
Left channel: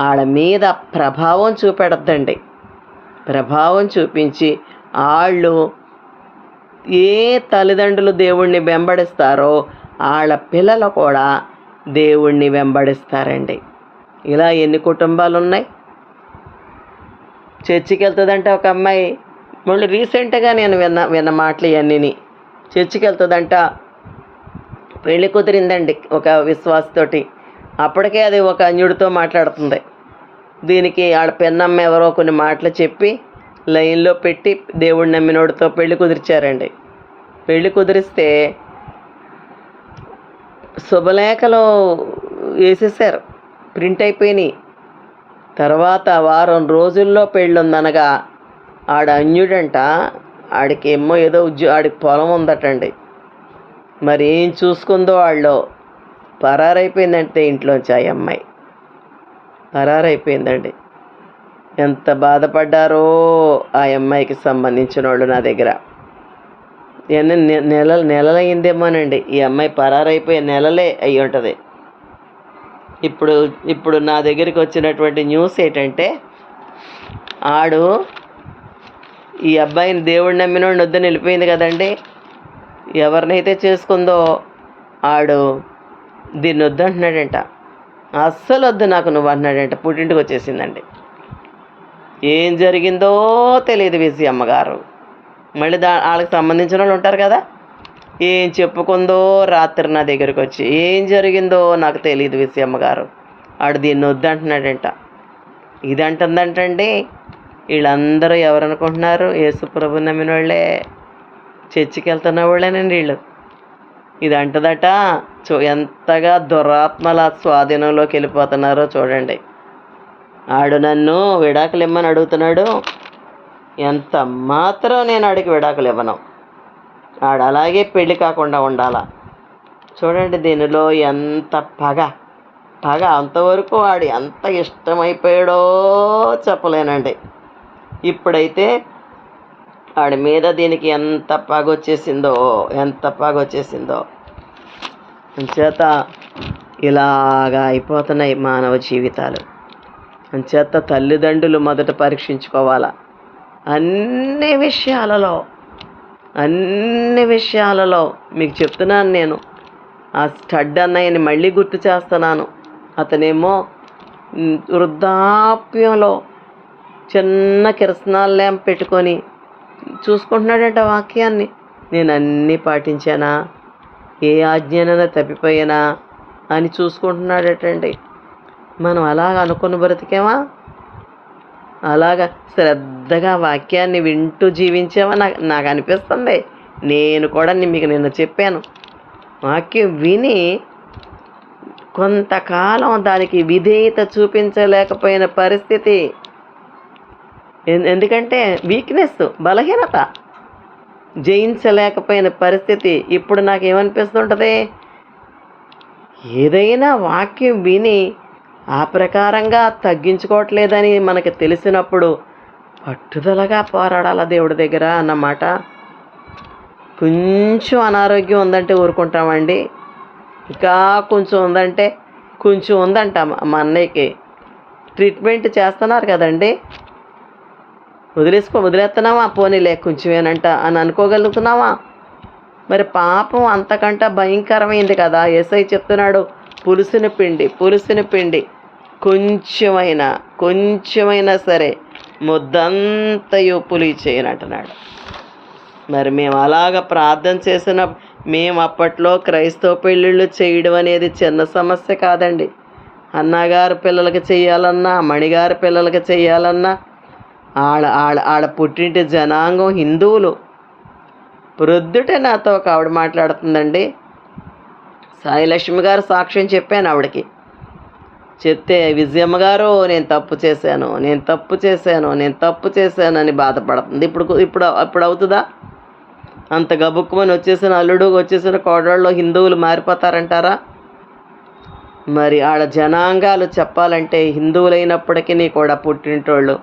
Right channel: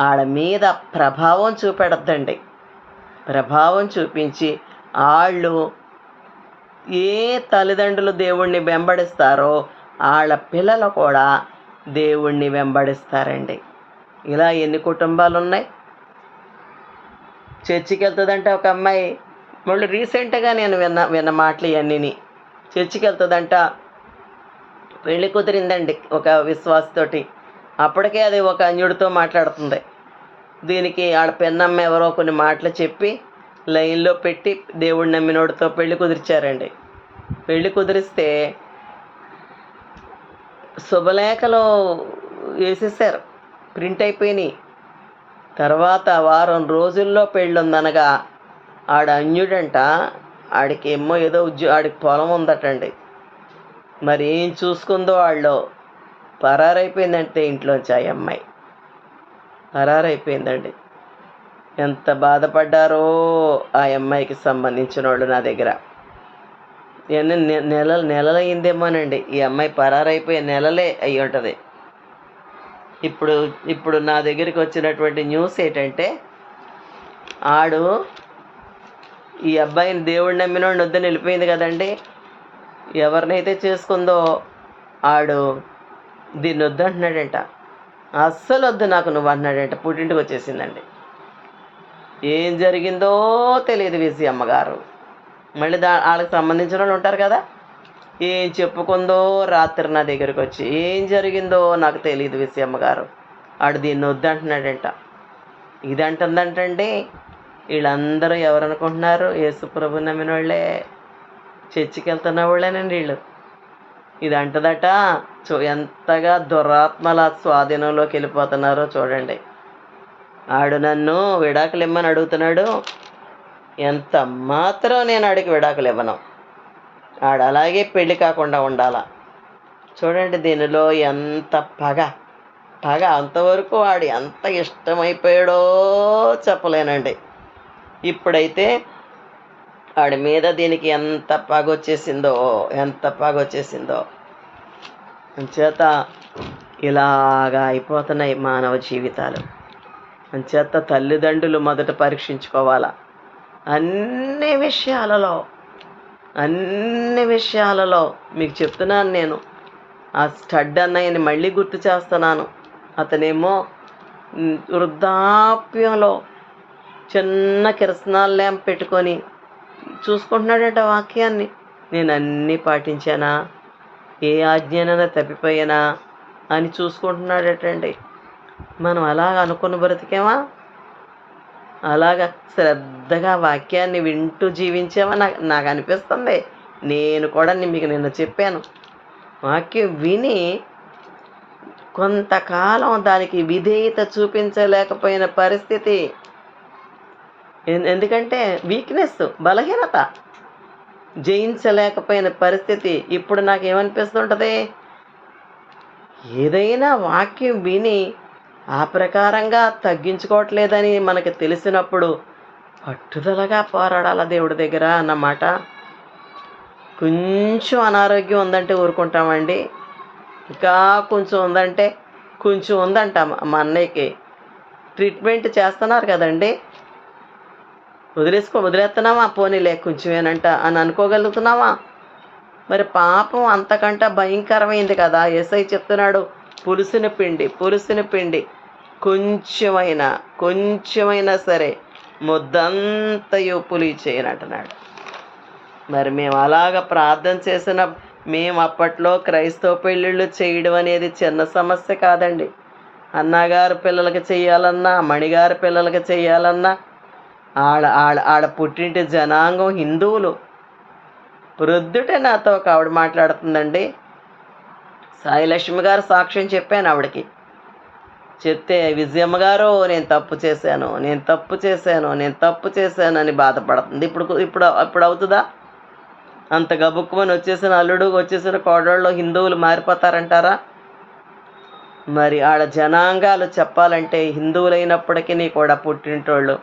వాళ్ళ మీద ప్రభావం చూపెడద్దండి. ప్రభావం చూపించి వాళ్ళు ఏ తల్లిదండ్రులు దేవుణ్ణి వెంబడిస్తారో వాళ్ళ పిల్లలు కూడా దేవుణ్ణి వెంబడిస్తారండి. ఇలా ఎన్ని కుటుంబాలు ఉన్నాయి. చర్చికి వెళ్తుందంట ఒక అమ్మాయి, మళ్ళీ రీసెంట్గా నేను విన్న మాటలు ఇవన్నీ. చర్చికి వెళ్తుందంట, పెళ్ళి కుదిరిందండి ఒక విశ్వాసతోటి, అప్పటికే అది ఒక అన్యుడితో మాట్లాడుతుంది. దీనికి ఆడ పెన్నమ్మ ఎవరో కొన్ని మాటలు చెప్పి లైన్లో పెట్టి దేవుడు నమ్మినోడితో పెళ్లి కుదిర్చారండి. పెళ్లి కుదిరిస్తే శుభలేఖలు వేసేసారు, ప్రింట్ అయిపోయినాయి. తర్వాత వారం రోజుల్లో పెళ్ళుందనగా ఆడ అన్యుడంట, ఆడికి ఏదో ఆడికి పొలం ఉందటండి. మరి ఏం చూసుకుందో వాళ్ళు పరారైపోయిందంటే ఇంట్లోంచి ఆ అమ్మాయి పరారైపోయిందండి. ఎంత బాధపడ్డారో ఆ అమ్మాయికి సంబంధించిన వాళ్ళు నా దగ్గర. నెలలైందేమోనండి ఈ అమ్మాయి పరారైపోయే, నెలలే అయ్యి ఉంటుంది. ఇప్పుడు నా దగ్గరికి వచ్చినటువంటి న్యూస్ ఏంటంటే, ఆడు ఈ అబ్బాయిని దేవుడు నమ్మినోడిని వద్దని వెళ్ళిపోయింది కదండి. ఎవరినైతే చేసుకుందో ఆడు దీన్ని వద్దంటున్నాడంట. అస్సలు వద్దు నాకు నువ్వు అంటున్నాడంట. పుట్టింటికి వచ్చేసిందండి. ఏం జరిగిందో తెలియదు విజయ అమ్మగారు. మళ్ళీ వాళ్ళకి సంబంధించిన వాళ్ళు ఉంటారు కదా, ఏం చెప్పుకుందో రాత్రి నా దగ్గరికి వచ్చి ఏం జరిగిందో నాకు తెలియదు విజయమ్మ గారు, ఆడు దీన్ని వద్దంటున్నాడంట. ఇది అంటుందంటండి. వీళ్ళందరూ ఎవరనుకుంటున్నారు? యేసుప్రభు నమ్మిన వాళ్ళే, చర్చికి వెళ్తున్న వాళ్ళేనండి వీళ్ళు. ఇది అంటదట. ఎంతగా దురాత్మల స్వాధీనంలోకి వెళ్ళిపోతున్నారో చూడండి. ఆడు నన్ను విడాకులు ఇమ్మని అడుగుతున్నాడు. ఎంత మాత్రం నేను ఆడికి విడాకులు ఇవ్వను. ఆడు అలాగే పెళ్ళి కాకుండా ఉండాలా. చూడండి దీనిలో ఎంత పగ. అంతవరకు వాడు ఎంత ఇష్టమైపోయాడో చెప్పలేనండి. ఇప్పుడైతే వాడి మీద దీనికి ఎంత పగ వచ్చేసిందో. అంచేత ఇలాగా అయిపోతున్నాయి మానవ జీవితాలు. అంచేత తల్లిదండ్రులు మొదట పరీక్షించుకోవాలా. అన్ని విషయాలలో మీకు చెప్తున్నాను. నేను ఆ స్టడ్ అన్నయ్యని మళ్ళీ గుర్తు చేస్తున్నాను. అతనేమో వృద్ధాప్యంలో చిన్న కిరసనాల ల్యాంప్ పెట్టుకొని చూసుకుంటున్నాడంట వాక్యాన్ని. నేను అన్నీ పాటించానా, ఏ ఆజ్ఞనైనా తప్పిపోయానా అని చూసుకుంటున్నాడటండి. మనం అలాగ అనుకుని బ్రతికేమా? అలాగా శ్రద్ధగా వాక్యాన్ని వింటూ జీవించామా? నాకు అనిపిస్తుంది. నేను కూడా మీకు నిన్న చెప్పాను, వాక్యం విని కొంతకాలం దానికి విధేయత చూపించలేకపోయిన పరిస్థితి. ఎందుకంటే వీక్నెస్, బలహీనత, జయించలేకపోయిన పరిస్థితి. ఇప్పుడు నాకేమనిపిస్తుంటుంది, ఏదైనా వాక్యం విని ఆ ప్రకారంగా తగ్గించుకోవట్లేదని మనకి తెలిసినప్పుడు పట్టుదలగా పోరాడాల దేవుడి దగ్గర అన్నమాట. కొంచెం అనారోగ్యం ఉందంటే ఊరుకుంటామండి. ఇంకా కొంచెం ఉందంట మా అన్నయ్యకి. ట్రీట్మెంట్ చేస్తున్నారు కదండి. వదిలేస్తున్నావా? పోనీలే కొంచెమేనంట అని అనుకోగలుగుతున్నావా? మరి పాపం అంతకంటే భయంకరమైంది కదా. యేసయ్య చెప్తున్నాడు, పులుసుని పిండి కొంచెమైనా సరే ముద్దంతయు పులి చేయనంటున్నాడు. మరి మేము అలాగ ప్రార్థన చేసిన మేము అప్పట్లో క్రైస్తవ పెళ్ళిళ్ళు చేయడం అనేది చిన్న సమస్య కాదండి. అన్నగారు పిల్లలకి చెయ్యాలన్నా, మణిగారి పిల్లలకి చెయ్యాలన్నా ఆడ పుట్టింటి జనాంగం హిందువులు. ప్రొద్దుటే నాతో ఒక ఆవిడ మాట్లాడుతుందండి. సాయిలక్ష్మి గారు సాక్ష్యం చెప్పాను ఆవిడకి. చెప్తే, విజయమ్మ గారు నేను తప్పు చేశాను అని బాధపడుతుంది. ఇప్పుడు అవుతుందా? అంత గబుక్కుమని వచ్చేసిన అల్లుడు, వచ్చేసిన కోడళ్ళు హిందువులు మారిపోతారంటారా? మరి ఆడ జనాంగాలు చెప్పాలంటే హిందువులైనప్పటికీ కూడా పుట్టింటోళ్ళు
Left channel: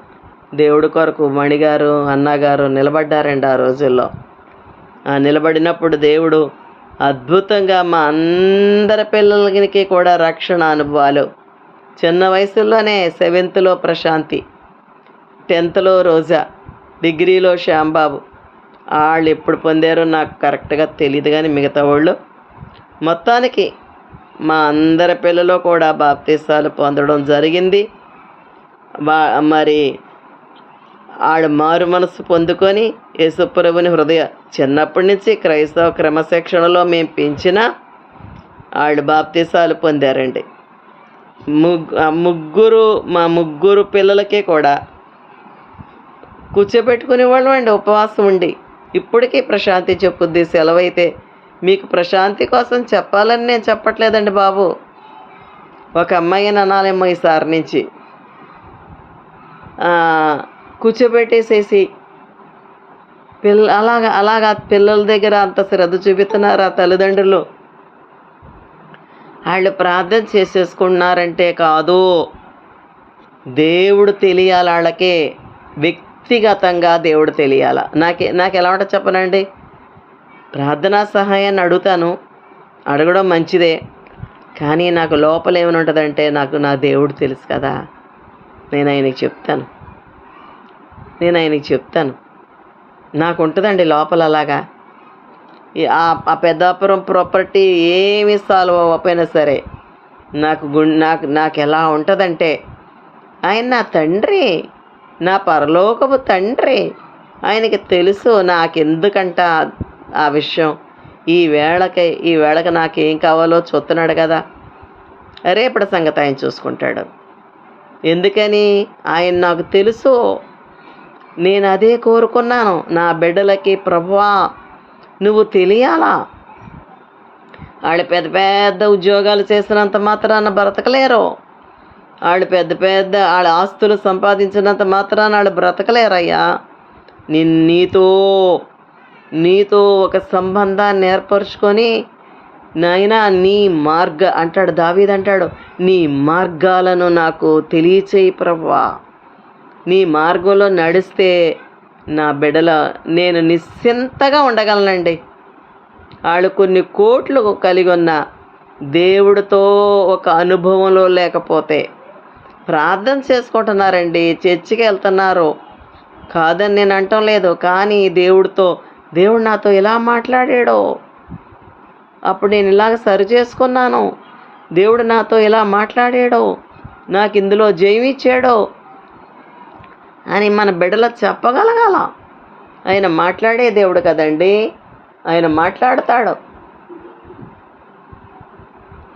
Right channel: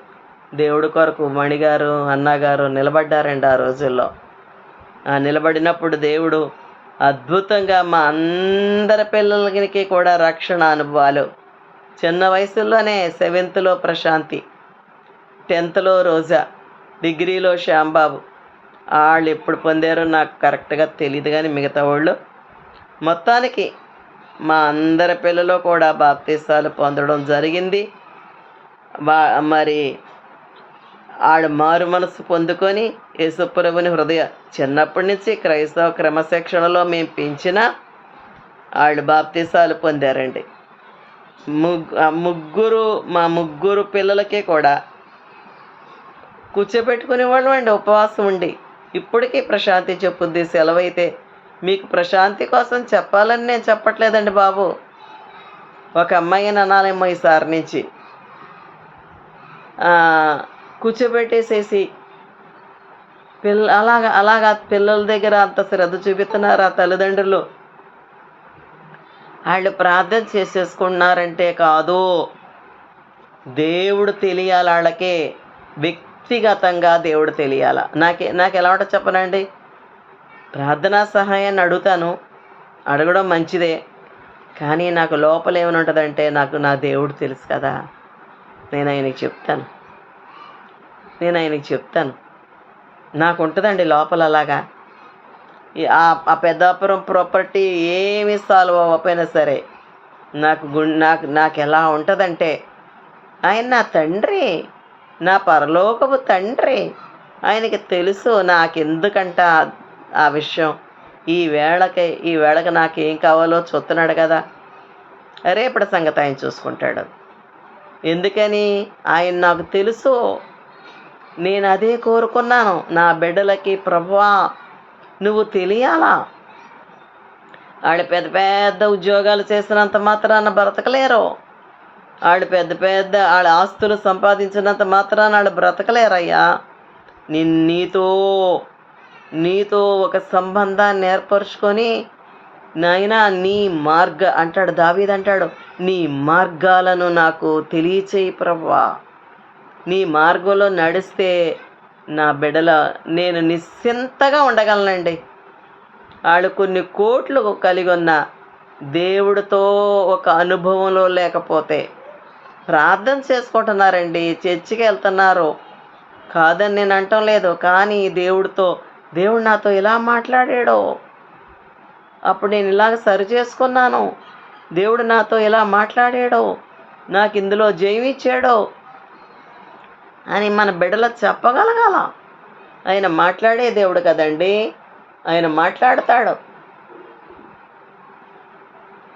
దేవుడి కొరకు మణిగారు, అన్నగారు నిలబడ్డారండి ఆ రోజుల్లో. నిలబడినప్పుడు దేవుడు అద్భుతంగా మా అందరి పిల్లలకి కూడా రక్షణ అనుభవాలు. చిన్న వయసులోనే 7th ప్రశాంతి, 10th రోజా, డిగ్రీలో శ్యాంబాబు. వాళ్ళు ఎప్పుడు పొందారో నాకు కరెక్ట్గా తెలియదు, కానీ మిగతా వాళ్ళు మొత్తానికి మా అందరి పిల్లలు కూడా బాప్తీసాలు పొందడం జరిగింది. మరి ఆడు మారు మనసు పొందుకొని యేసుప్రభుని చిన్నప్పటి నుంచి క్రైస్తవ క్రమశిక్షణలో మేము పెంచిన వాళ్ళు బాప్తీసాలు పొందారండి. మా ముగ్గురు పిల్లలకే కూడా కూర్చోబెట్టుకునేవాళ్ళు అండి, ఉపవాసం ఉండి. ఇప్పటికీ ప్రశాంతి చెప్పుద్ది, సెలవైతే మీకు ప్రశాంతి కోసం చెప్పాలని నేను చెప్పట్లేదండి బాబు. ఒక అమ్మాయిని అనాలేమో ఈసారి నుంచి కూర్చోబెట్టేసేసి అలాగా పిల్లల దగ్గర అంత శ్రద్ధ చూపిస్తున్నారు ఆ తల్లిదండ్రులు. వాళ్ళు ప్రార్థన చేసేసుకున్నారంటే కాదు, దేవుడు తెలియాలి వాళ్ళకే, వ్యక్తిగతంగా దేవుడు తెలియాల. నాకు ఎలా ఉంటుంది చెప్పనండి. ప్రార్థనా సహాయాన్ని అడుగుతాను, అడగడం మంచిదే, కానీ నాకు లోపల ఏమైనా ఉంటుందంటే నా దేవుడు తెలుసు కదా, నేను ఆయనకి చెప్తాను. నాకు ఉంటుందండి లోపల అలాగా. ఆ పెద్దాపురం ప్రాపర్టీ ఏమి సాల్వ్ అవ్వకపోయినా సరే నాకు ఎలా ఉంటుందంటే, ఆయన నా తండ్రి, నా పరలోకపు తండ్రి, ఆయనకి తెలుసు నాకెందుకంట ఆ విషయం. ఈ వేళకి నాకేం కావాలో చూస్తున్నాడు కదా, రేపటి సంగతి ఆయన చూసుకుంటాడు. ఎందుకని? ఆయన నాకు తెలుసు. నేను అదే కోరుకున్నాను నా బిడ్డలకి. ప్రభువా నువ్వు తెలియాలా. వాళ్ళు పెద్ద పెద్ద ఉద్యోగాలు చేసినంత మాత్రాన బ్రతకలేరు. వాళ్ళు వాళ్ళ ఆస్తులు సంపాదించినంత మాత్రాన వాళ్ళు బ్రతకలేరయ్యా. నీతో ఒక సంబంధాన్ని ఏర్పరచుకొని, నాయనా అంటాడు దావీదు, అంటాడు, నీ మార్గాలను నాకు తెలియచేయి ప్రభువా. నీ మార్గంలో నడిస్తే నా నేను నిశ్చింతగా ఉండగలనండి. వాళ్ళు కొన్ని కోట్లు కలిగి ఉన్న దేవుడితో ఒక అనుభవంలో లేకపోతే ప్రార్థన చేసుకుంటున్నారండి, చర్చికి వెళ్తున్నారు, కాదని నేను అంటం లేదు. కానీ దేవుడు నాతో ఇలా మాట్లాడాడో, అప్పుడు నేను ఇలాగ సరి చేసుకున్నాను, దేవుడు నాతో ఇలా మాట్లాడాడో, నాకు ఇందులో జయమిచ్చాడో అని మన బిడ్డలు చెప్పగలగాల. ఆయన మాట్లాడే దేవుడు కదండి, ఆయన మాట్లాడతాడు.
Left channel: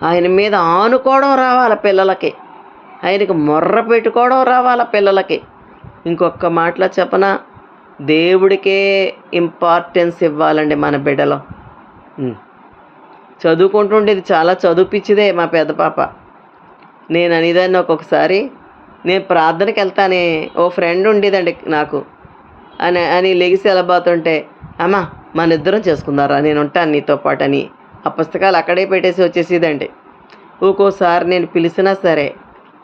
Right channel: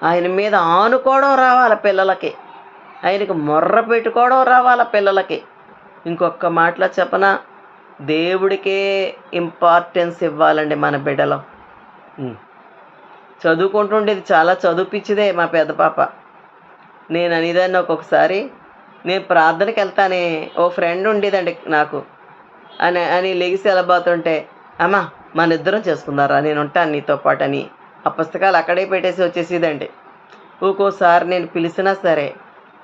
ఆయన మీద ఆనుకోవడం రావాలి పిల్లలకి, ఆయనకు మొర్ర పెట్టుకోవడం రావాలి పిల్లలకి. ఇంకొక మాటలో చెప్పనా, దేవుడికే ఇంపార్టెన్స్ ఇవ్వాలండి మన బిడ్డలో. చదువుకుంటుండేది, చాలా చదువుపిచ్చిదే మా పెద్ద పాప. నేను అనేదాన్ని ఒక్కొక్కసారి, నేను ప్రార్థనకి వెళ్తానే, ఓ ఫ్రెండ్ ఉండేదండి నాకు అని లెగిసి వెళ్ళబోతుంటే, అమ్మా మన ఇద్దరం చేసుకుందారా, నేను ఉంటాను నీతో పాటు అని ఆ పుస్తకాలు అక్కడే పెట్టేసి వచ్చేసేదండి. ఒక్కోసారి నేను పిలిచినా సరే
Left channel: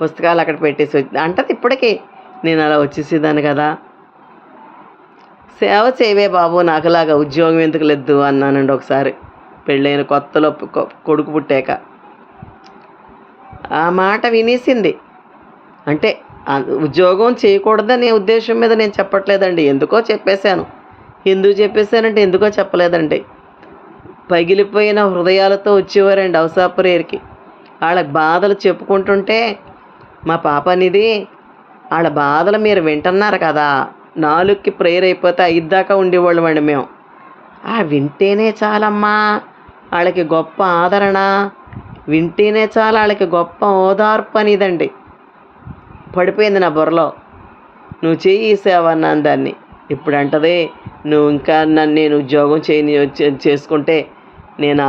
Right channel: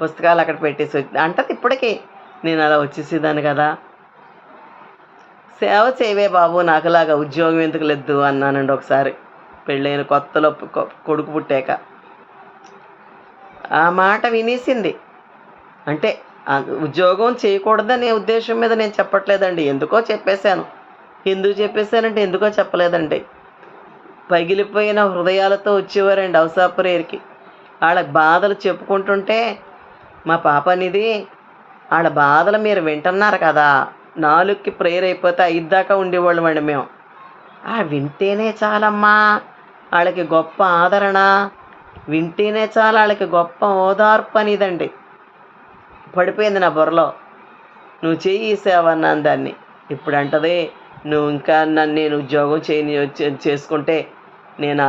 పుస్తకాలు అక్కడ పెట్టేసి అంటది. ఇప్పటికీ నేను అలా వచ్చేసేదాన్ని కదా. సేవ చేయవే బాబు, నాకులాగా ఉద్యోగం ఎందుకు లేదు అన్నానండి ఒకసారి, పెళ్ళైన కొత్తలో కొడుకు పుట్టాక. ఆ మాట వినేసింది. అంటే ఉద్యోగం చేయకూడదనే ఉద్దేశం మీద నేను చెప్పట్లేదండి, ఎందుకో చెప్పేశాను. ఎందుకు చెప్పేశానంటే ఎందుకో చెప్పలేదండి. పగిలిపోయిన హృదయాలతో వచ్చేవారండి అవసాపురేరికి. వాళ్ళకి బాధలు చెప్పుకుంటుంటే, మా పాప అనేది వాళ్ళ బాధలు మీరు వింటున్నారు కదా. 4కి ప్రేయర్ అయిపోతే 5 దాకా ఉండేవాళ్ళం అండి మేము. వింటేనే చాలమ్మా వాళ్ళకి గొప్ప ఆదరణ, వింటేనే చాలు వాళ్ళకి గొప్ప ఓదార్పు అనేదండి పడిపోయింది నా బుర్రలో. నువ్వు చెయ్యి ఈ సేవ అన్నాను దాన్ని. ఇప్పుడు అంటది, నువ్వు ఇంకా నన్ను నేను ఉద్యోగం చేసుకుంటే నేను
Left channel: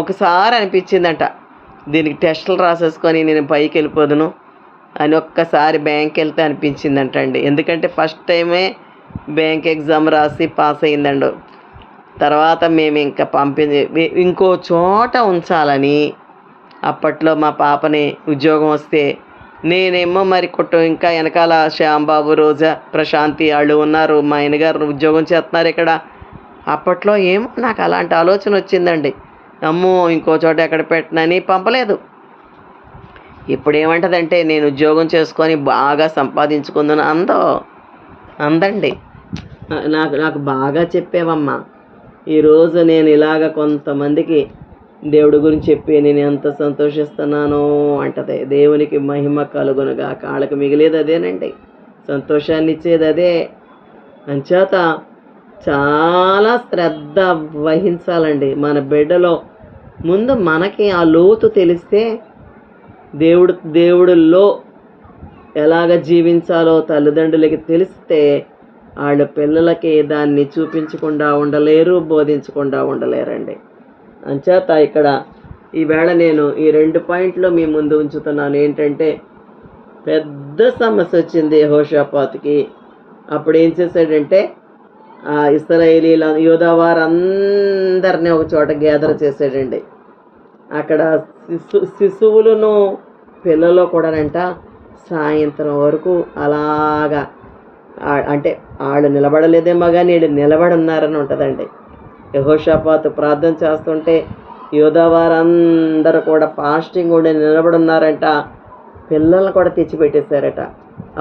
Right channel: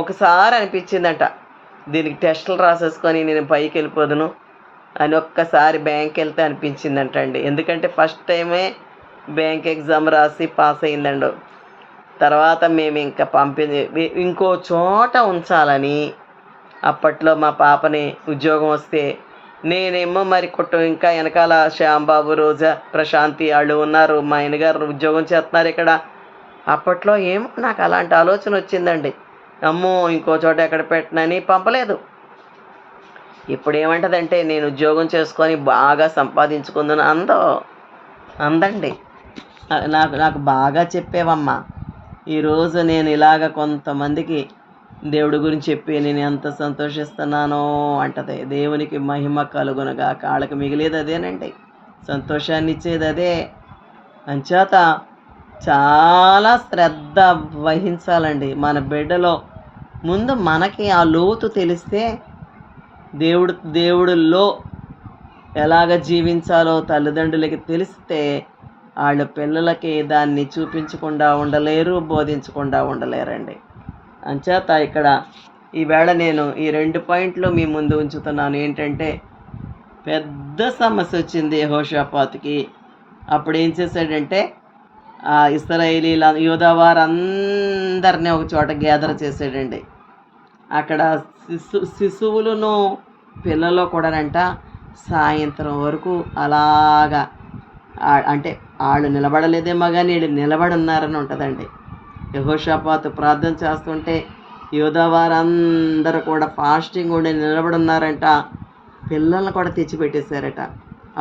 ఒకసారి అనిపించిందంట, దీనికి టెస్టులు రాసేసుకొని నేను పైకి వెళ్ళిపోదును అని ఒక్కసారి బ్యాంక్ వెళ్తే అనిపించిందంట అండి. ఎందుకంటే ఫస్ట్ టైమే బ్యాంక్ ఎగ్జామ్ రాసి పాస్ అయిందండు. తర్వాత మేము ఇంకా ఇంకో చోట ఉంచాలని అప్పట్లో మా పాపని ఉద్యోగం వస్తే, నేనేమో మరి ఇంకా వెనకాల శ్యాంబాబు, రోజా, ప్రశాంతి వాళ్ళు ఉన్నారు, మా ఆయనగారు ఉద్యోగం చేస్తున్నారు ఇక్కడ. అప్పట్లో ఏమో నాకు అలాంటి ఆలోచన వచ్చిందండి, అమ్మో ఇంకో చోట ఎక్కడ పెట్టనని పంపలేదు. ఇప్పుడు ఏమంటదంటే నేను ఉద్యోగం చేసుకొని బాగా సంపాదించుకుందును అందండి. నాకు బాగా చెప్పేవమ్మా. ఈరోజు నేను ఇలాగ కొంతమందికి దేవుడి గురించి చెప్పి నేను ఎంత సంతోషిస్తున్నానో అంటది. దేవునికి మహిమ కలుగునుగా. కాళ్ళకి మిగిలేది అదేనండి, సంతోషాన్ని ఇచ్చేది అదే. అంచేత చాలా శ్రద్ధ వహించాలండి మన బిడ్డలో. ముందు మనకి ఆ లోతు తెలిస్తే దేవుడిలో ఎలాగ జీవించాలో తల్లిదండ్రులకి తెలిస్తే వాళ్ళ పిల్లలకి దాన్ని చూపించకుండా ఉండలేరు, బోధించకుండా ఉండలేరండి. అంచేత ఇక్కడ ఈవేళ నేను ఈ 2 పాయింట్లు మీ ముందు ఉంచుతున్నాను. ఏంటంటే, పెద్ద సమస్య వచ్చింది యెహోషాపాతుకి. అప్పుడు ఏం చేశాడంటే, ఇశ్రాయేలీల యూదా వారందరినీ ఒక చోట గ్యాదర్ చేశాడండి. అక్కడ శిశువులను పిల్లలు కూడానంట సాయంత్రం వరకు అలాగా, అంటే వాళ్ళు నిలబడలేదేమో కానీ వీళ్ళు నిలబడి ఉన్నారని ఉంటుందండి. యెహోషాపాతు ప్రార్థన చేస్తుంటే యూదా వారందరూ కూడా ఫాస్టింగ్ ఉండి నిలబడున్నారంట. పిల్లల్ని కూడా తెచ్చిపెట్టేశారట.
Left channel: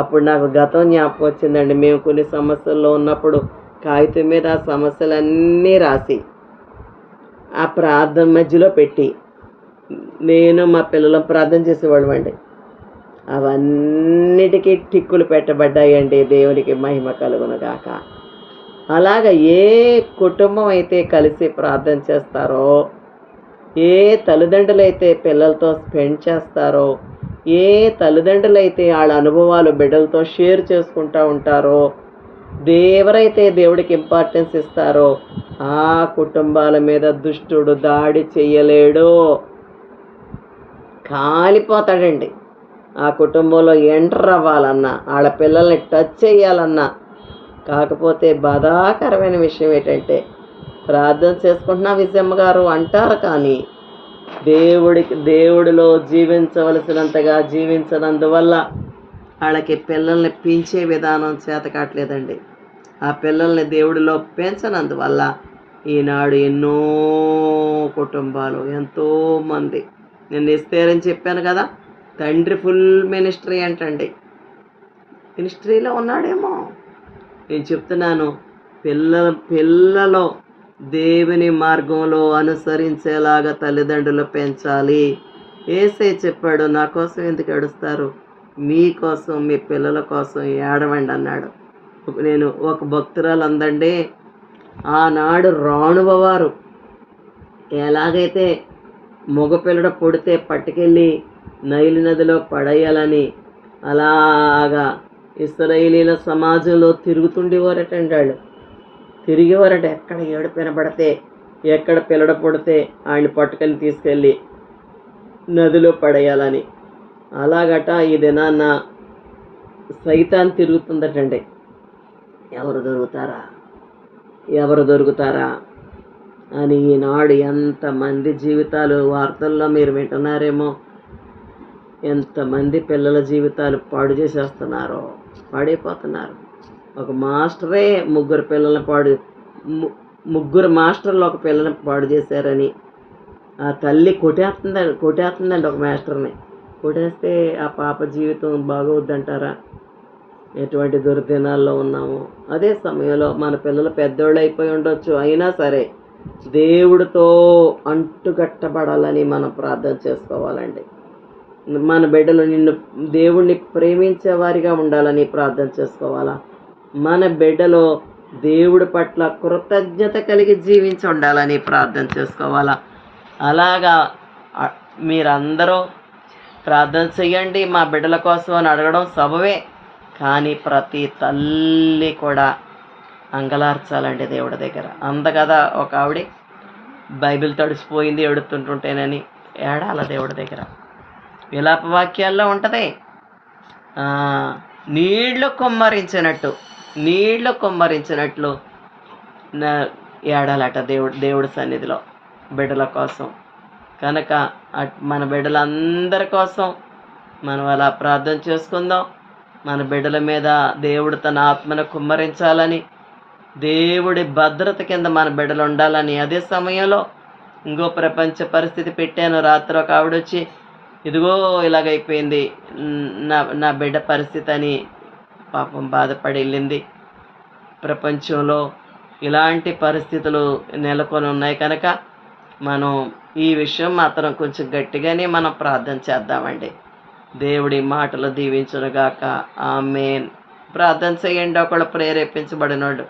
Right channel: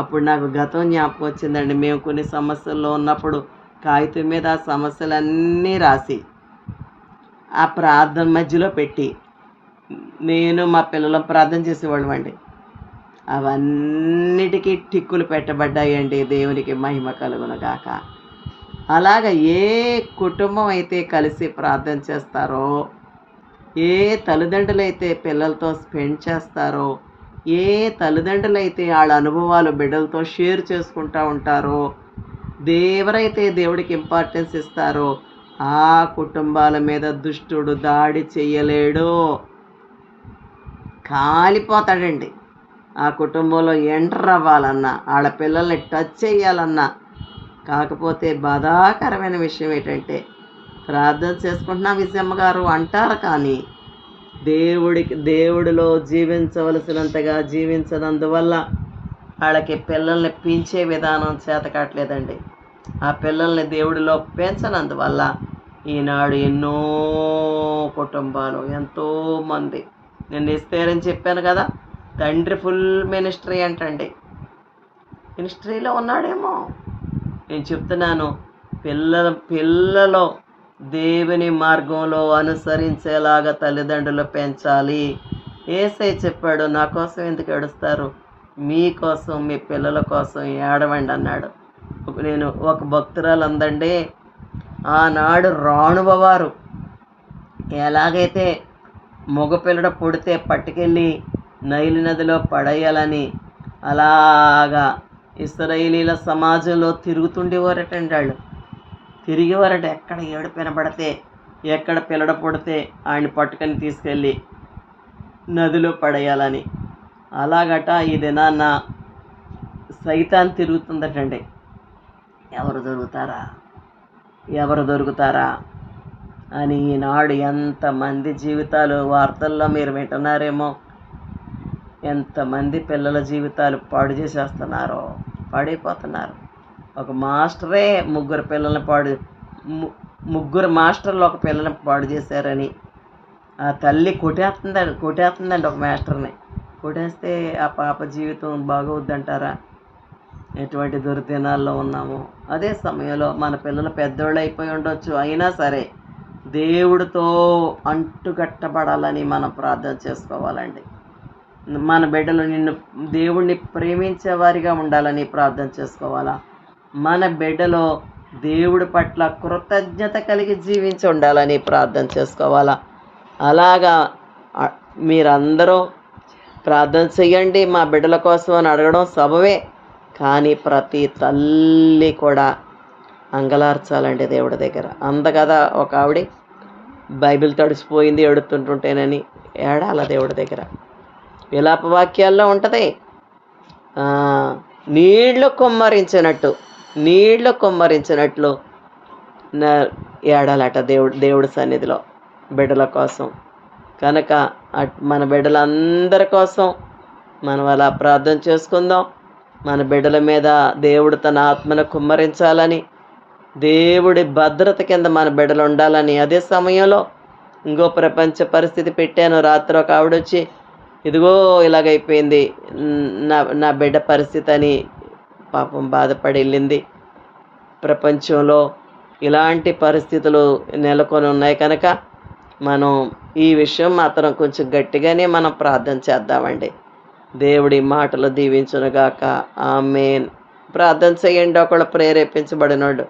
అప్పుడు నాకు గతం జ్ఞాపకం వచ్చిందండి. మేము కొన్ని సమస్యల్లో ఉన్నప్పుడు కాగితం మీద సమస్యలన్నీ రాసి ఆ ప్రార్థన మధ్యలో పెట్టి నేను మా పిల్లలు ప్రార్థన చేసేవాళ్ళం అండి. అవన్నిటికీ టిక్కులు పెట్టబడ్డాయండి. దేవునికి మహిమ కలుగును గాక. అలాగ ఏ కుటుంబం అయితే కలిసి ప్రార్థన చేస్తారో, ఏ తల్లిదండ్రులైతే పిల్లలతో స్పెండ్ చేస్తారో, ఏ తల్లిదండ్రులైతే వాళ్ళ అనుభవాలు బిడ్డలతో షేర్ చేసుకుంటూ ఉంటారో, ఎవరైతే దేవుడికి ఇంపార్టెన్స్ ఇస్తారో ఆ కుటుంబాల మీద దుష్టుడు దాడి చెయ్యలేడు, కాలిపోతాడండి. ఆ కుటుంబంలో ఎంటర్ అవ్వాలన్నా, వాళ్ళ పిల్లల్ని టచ్ చేయాలన్నా. కాకపోతే బాధాకరమైన విషయం ఏంటంటే, ప్రార్థన చేసుకుంటున్నా విజయమ్మ గారు అంటారు కానీ దేవుడిలో జీవించవలసినంతగా జీవించనందువల్ల వాళ్ళకి పిల్లల్ని పెంచే విధానం చేత కావట్లేదండి. ఆ పిల్లల్ని దేవుడిలో పెంచనందువల్ల ఈనాడు ఎన్నో కుటుంబాలు, ఎంతోమంది, నేను ఎస్తేరని చెప్పాను కదా, తండ్రి ఫుల్ మినిస్ట్రీ అంటండి. మినిస్ట్రీలో ఉన్నాడేమో. నేను చెప్తున్నాను, పిల్లలు దేవుని మార్గంలో అనుసరించేలాగా తల్లిదండ్రులు పెంచాలి. యేసయ్య చెప్పాడు, నా కోసం ఎందుకు ఏడుస్తారు, మీకోసం మీ పిల్లల కోసం ఏడవండి అన్నాడు. నేను ఒక భక్తురాలు అందండి, ఆనాడు రాణువవారు ఎలాగైతే మగపిల్లడు పుడితే పట్టుకెళ్ళి నైలు నదిలో పడేయాలని అలాగా ఇశ్రాయేలీల సమాజంలో తిరుగుతుండేవారటండి. వాళ్ళు తిరిగేవారట. ఎక్కడ ఏడుపు వినబడితే, ఎక్కడ పిల్లడు పుడితే ఆయన్ని పట్టుకొని తీసుకెళ్ళి నదిలో పడేయాలని. అలాగట ఈ దినాన్న సైతాన్ తిరుగుతుందటండి. ఎవరు దొరుకుతారా అని ఈనాడు ఎంతమంది జీవితాలు వార్తల్లో మీరు వింటున్నారేమో. ఎంతమంది పిల్లల జీవితాలు పాడు చేసేస్తున్నారో, పాడైపోతున్నారు. ఒక మాస్టరే ముగ్గురు మాస్టర్లు ఒక పిల్లని పాడు చేశారని ఆ తల్లి కొట్టేస్తుందండి ఒక మాస్టర్ని. కొట్టేస్తే ఆ పాప జీవితం బాగోద్దంటారా? ఎటువంటి దుర్దినాల్లో ఉన్నాము. అదే సమయంలో మన పిల్లలు పెద్దోళ్ళు అయిపోయి ఉండొచ్చు, అయినా సరే దేవుడితో అంటుకట్టబడాలని మనం ప్రార్థన చేసుకోవాలండి. మన బిడ్డలు దేవుణ్ణి ప్రేమించే వారిగా ఉండాలని ప్రార్థన చేసుకోవాలా. మన బిడ్డలో దేవుడి పట్ల కృతజ్ఞత కలిగి జీవించి ఉండాలని ప్రార్థన చేసుకోవాలా. అలాగా మీరందరూ ప్రార్థన చెయ్యండి మా బిడ్డల కోసం అని అడగడం సబవే. కానీ ప్రతి తల్లి కూడా అంగలార్చాలండి దేవుడి దగ్గర. కదా ఒక ఆవిడ బైబిల్ తడిసిపోయింది ఎడుతుంటుంటేనని ఏడాల దేవుడి దగ్గర. విలాప వాక్యాల్లో ఉంటుంది, నీళ్లు కుమ్మరించినట్లు ఏడాలట దేవుడి సన్నిధిలో బిడ్డల కోసం. కనుక మన బిడ్డలందరి కోసం మనం అలా ప్రార్థన చేసుకుందాం. మన బిడ్డల మీద దేవుడు తన ఆత్మను కుమ్మరించాలని, దేవుడి భద్రత కింద మన బిడ్డలు ఉండాలని. అదే సమయంలో ఇంకో ప్రపంచ పరిస్థితి పెట్టాను. రాత్రి ఒక ఆవిడొచ్చి, ఇదిగో ఇలాగైపోయింది నా బిడ్డ పరిస్థితి అని పాపం బాధపడి వెళ్ళింది. ప్రపంచంలో ఇలాంటి పరిస్థితులు నెలకొని ఉన్నాయి కనుక మనం ఈ విషయం మాత్రం కొంచెం గట్టిగానే మనం ప్రార్థన చేద్దామండి. దేవుడి మాటలు దీవించునుగాక. ఆమేన్. ప్రార్థన చేయండి. ఒకళ్ళు ప్రేరేపించబడినోడు.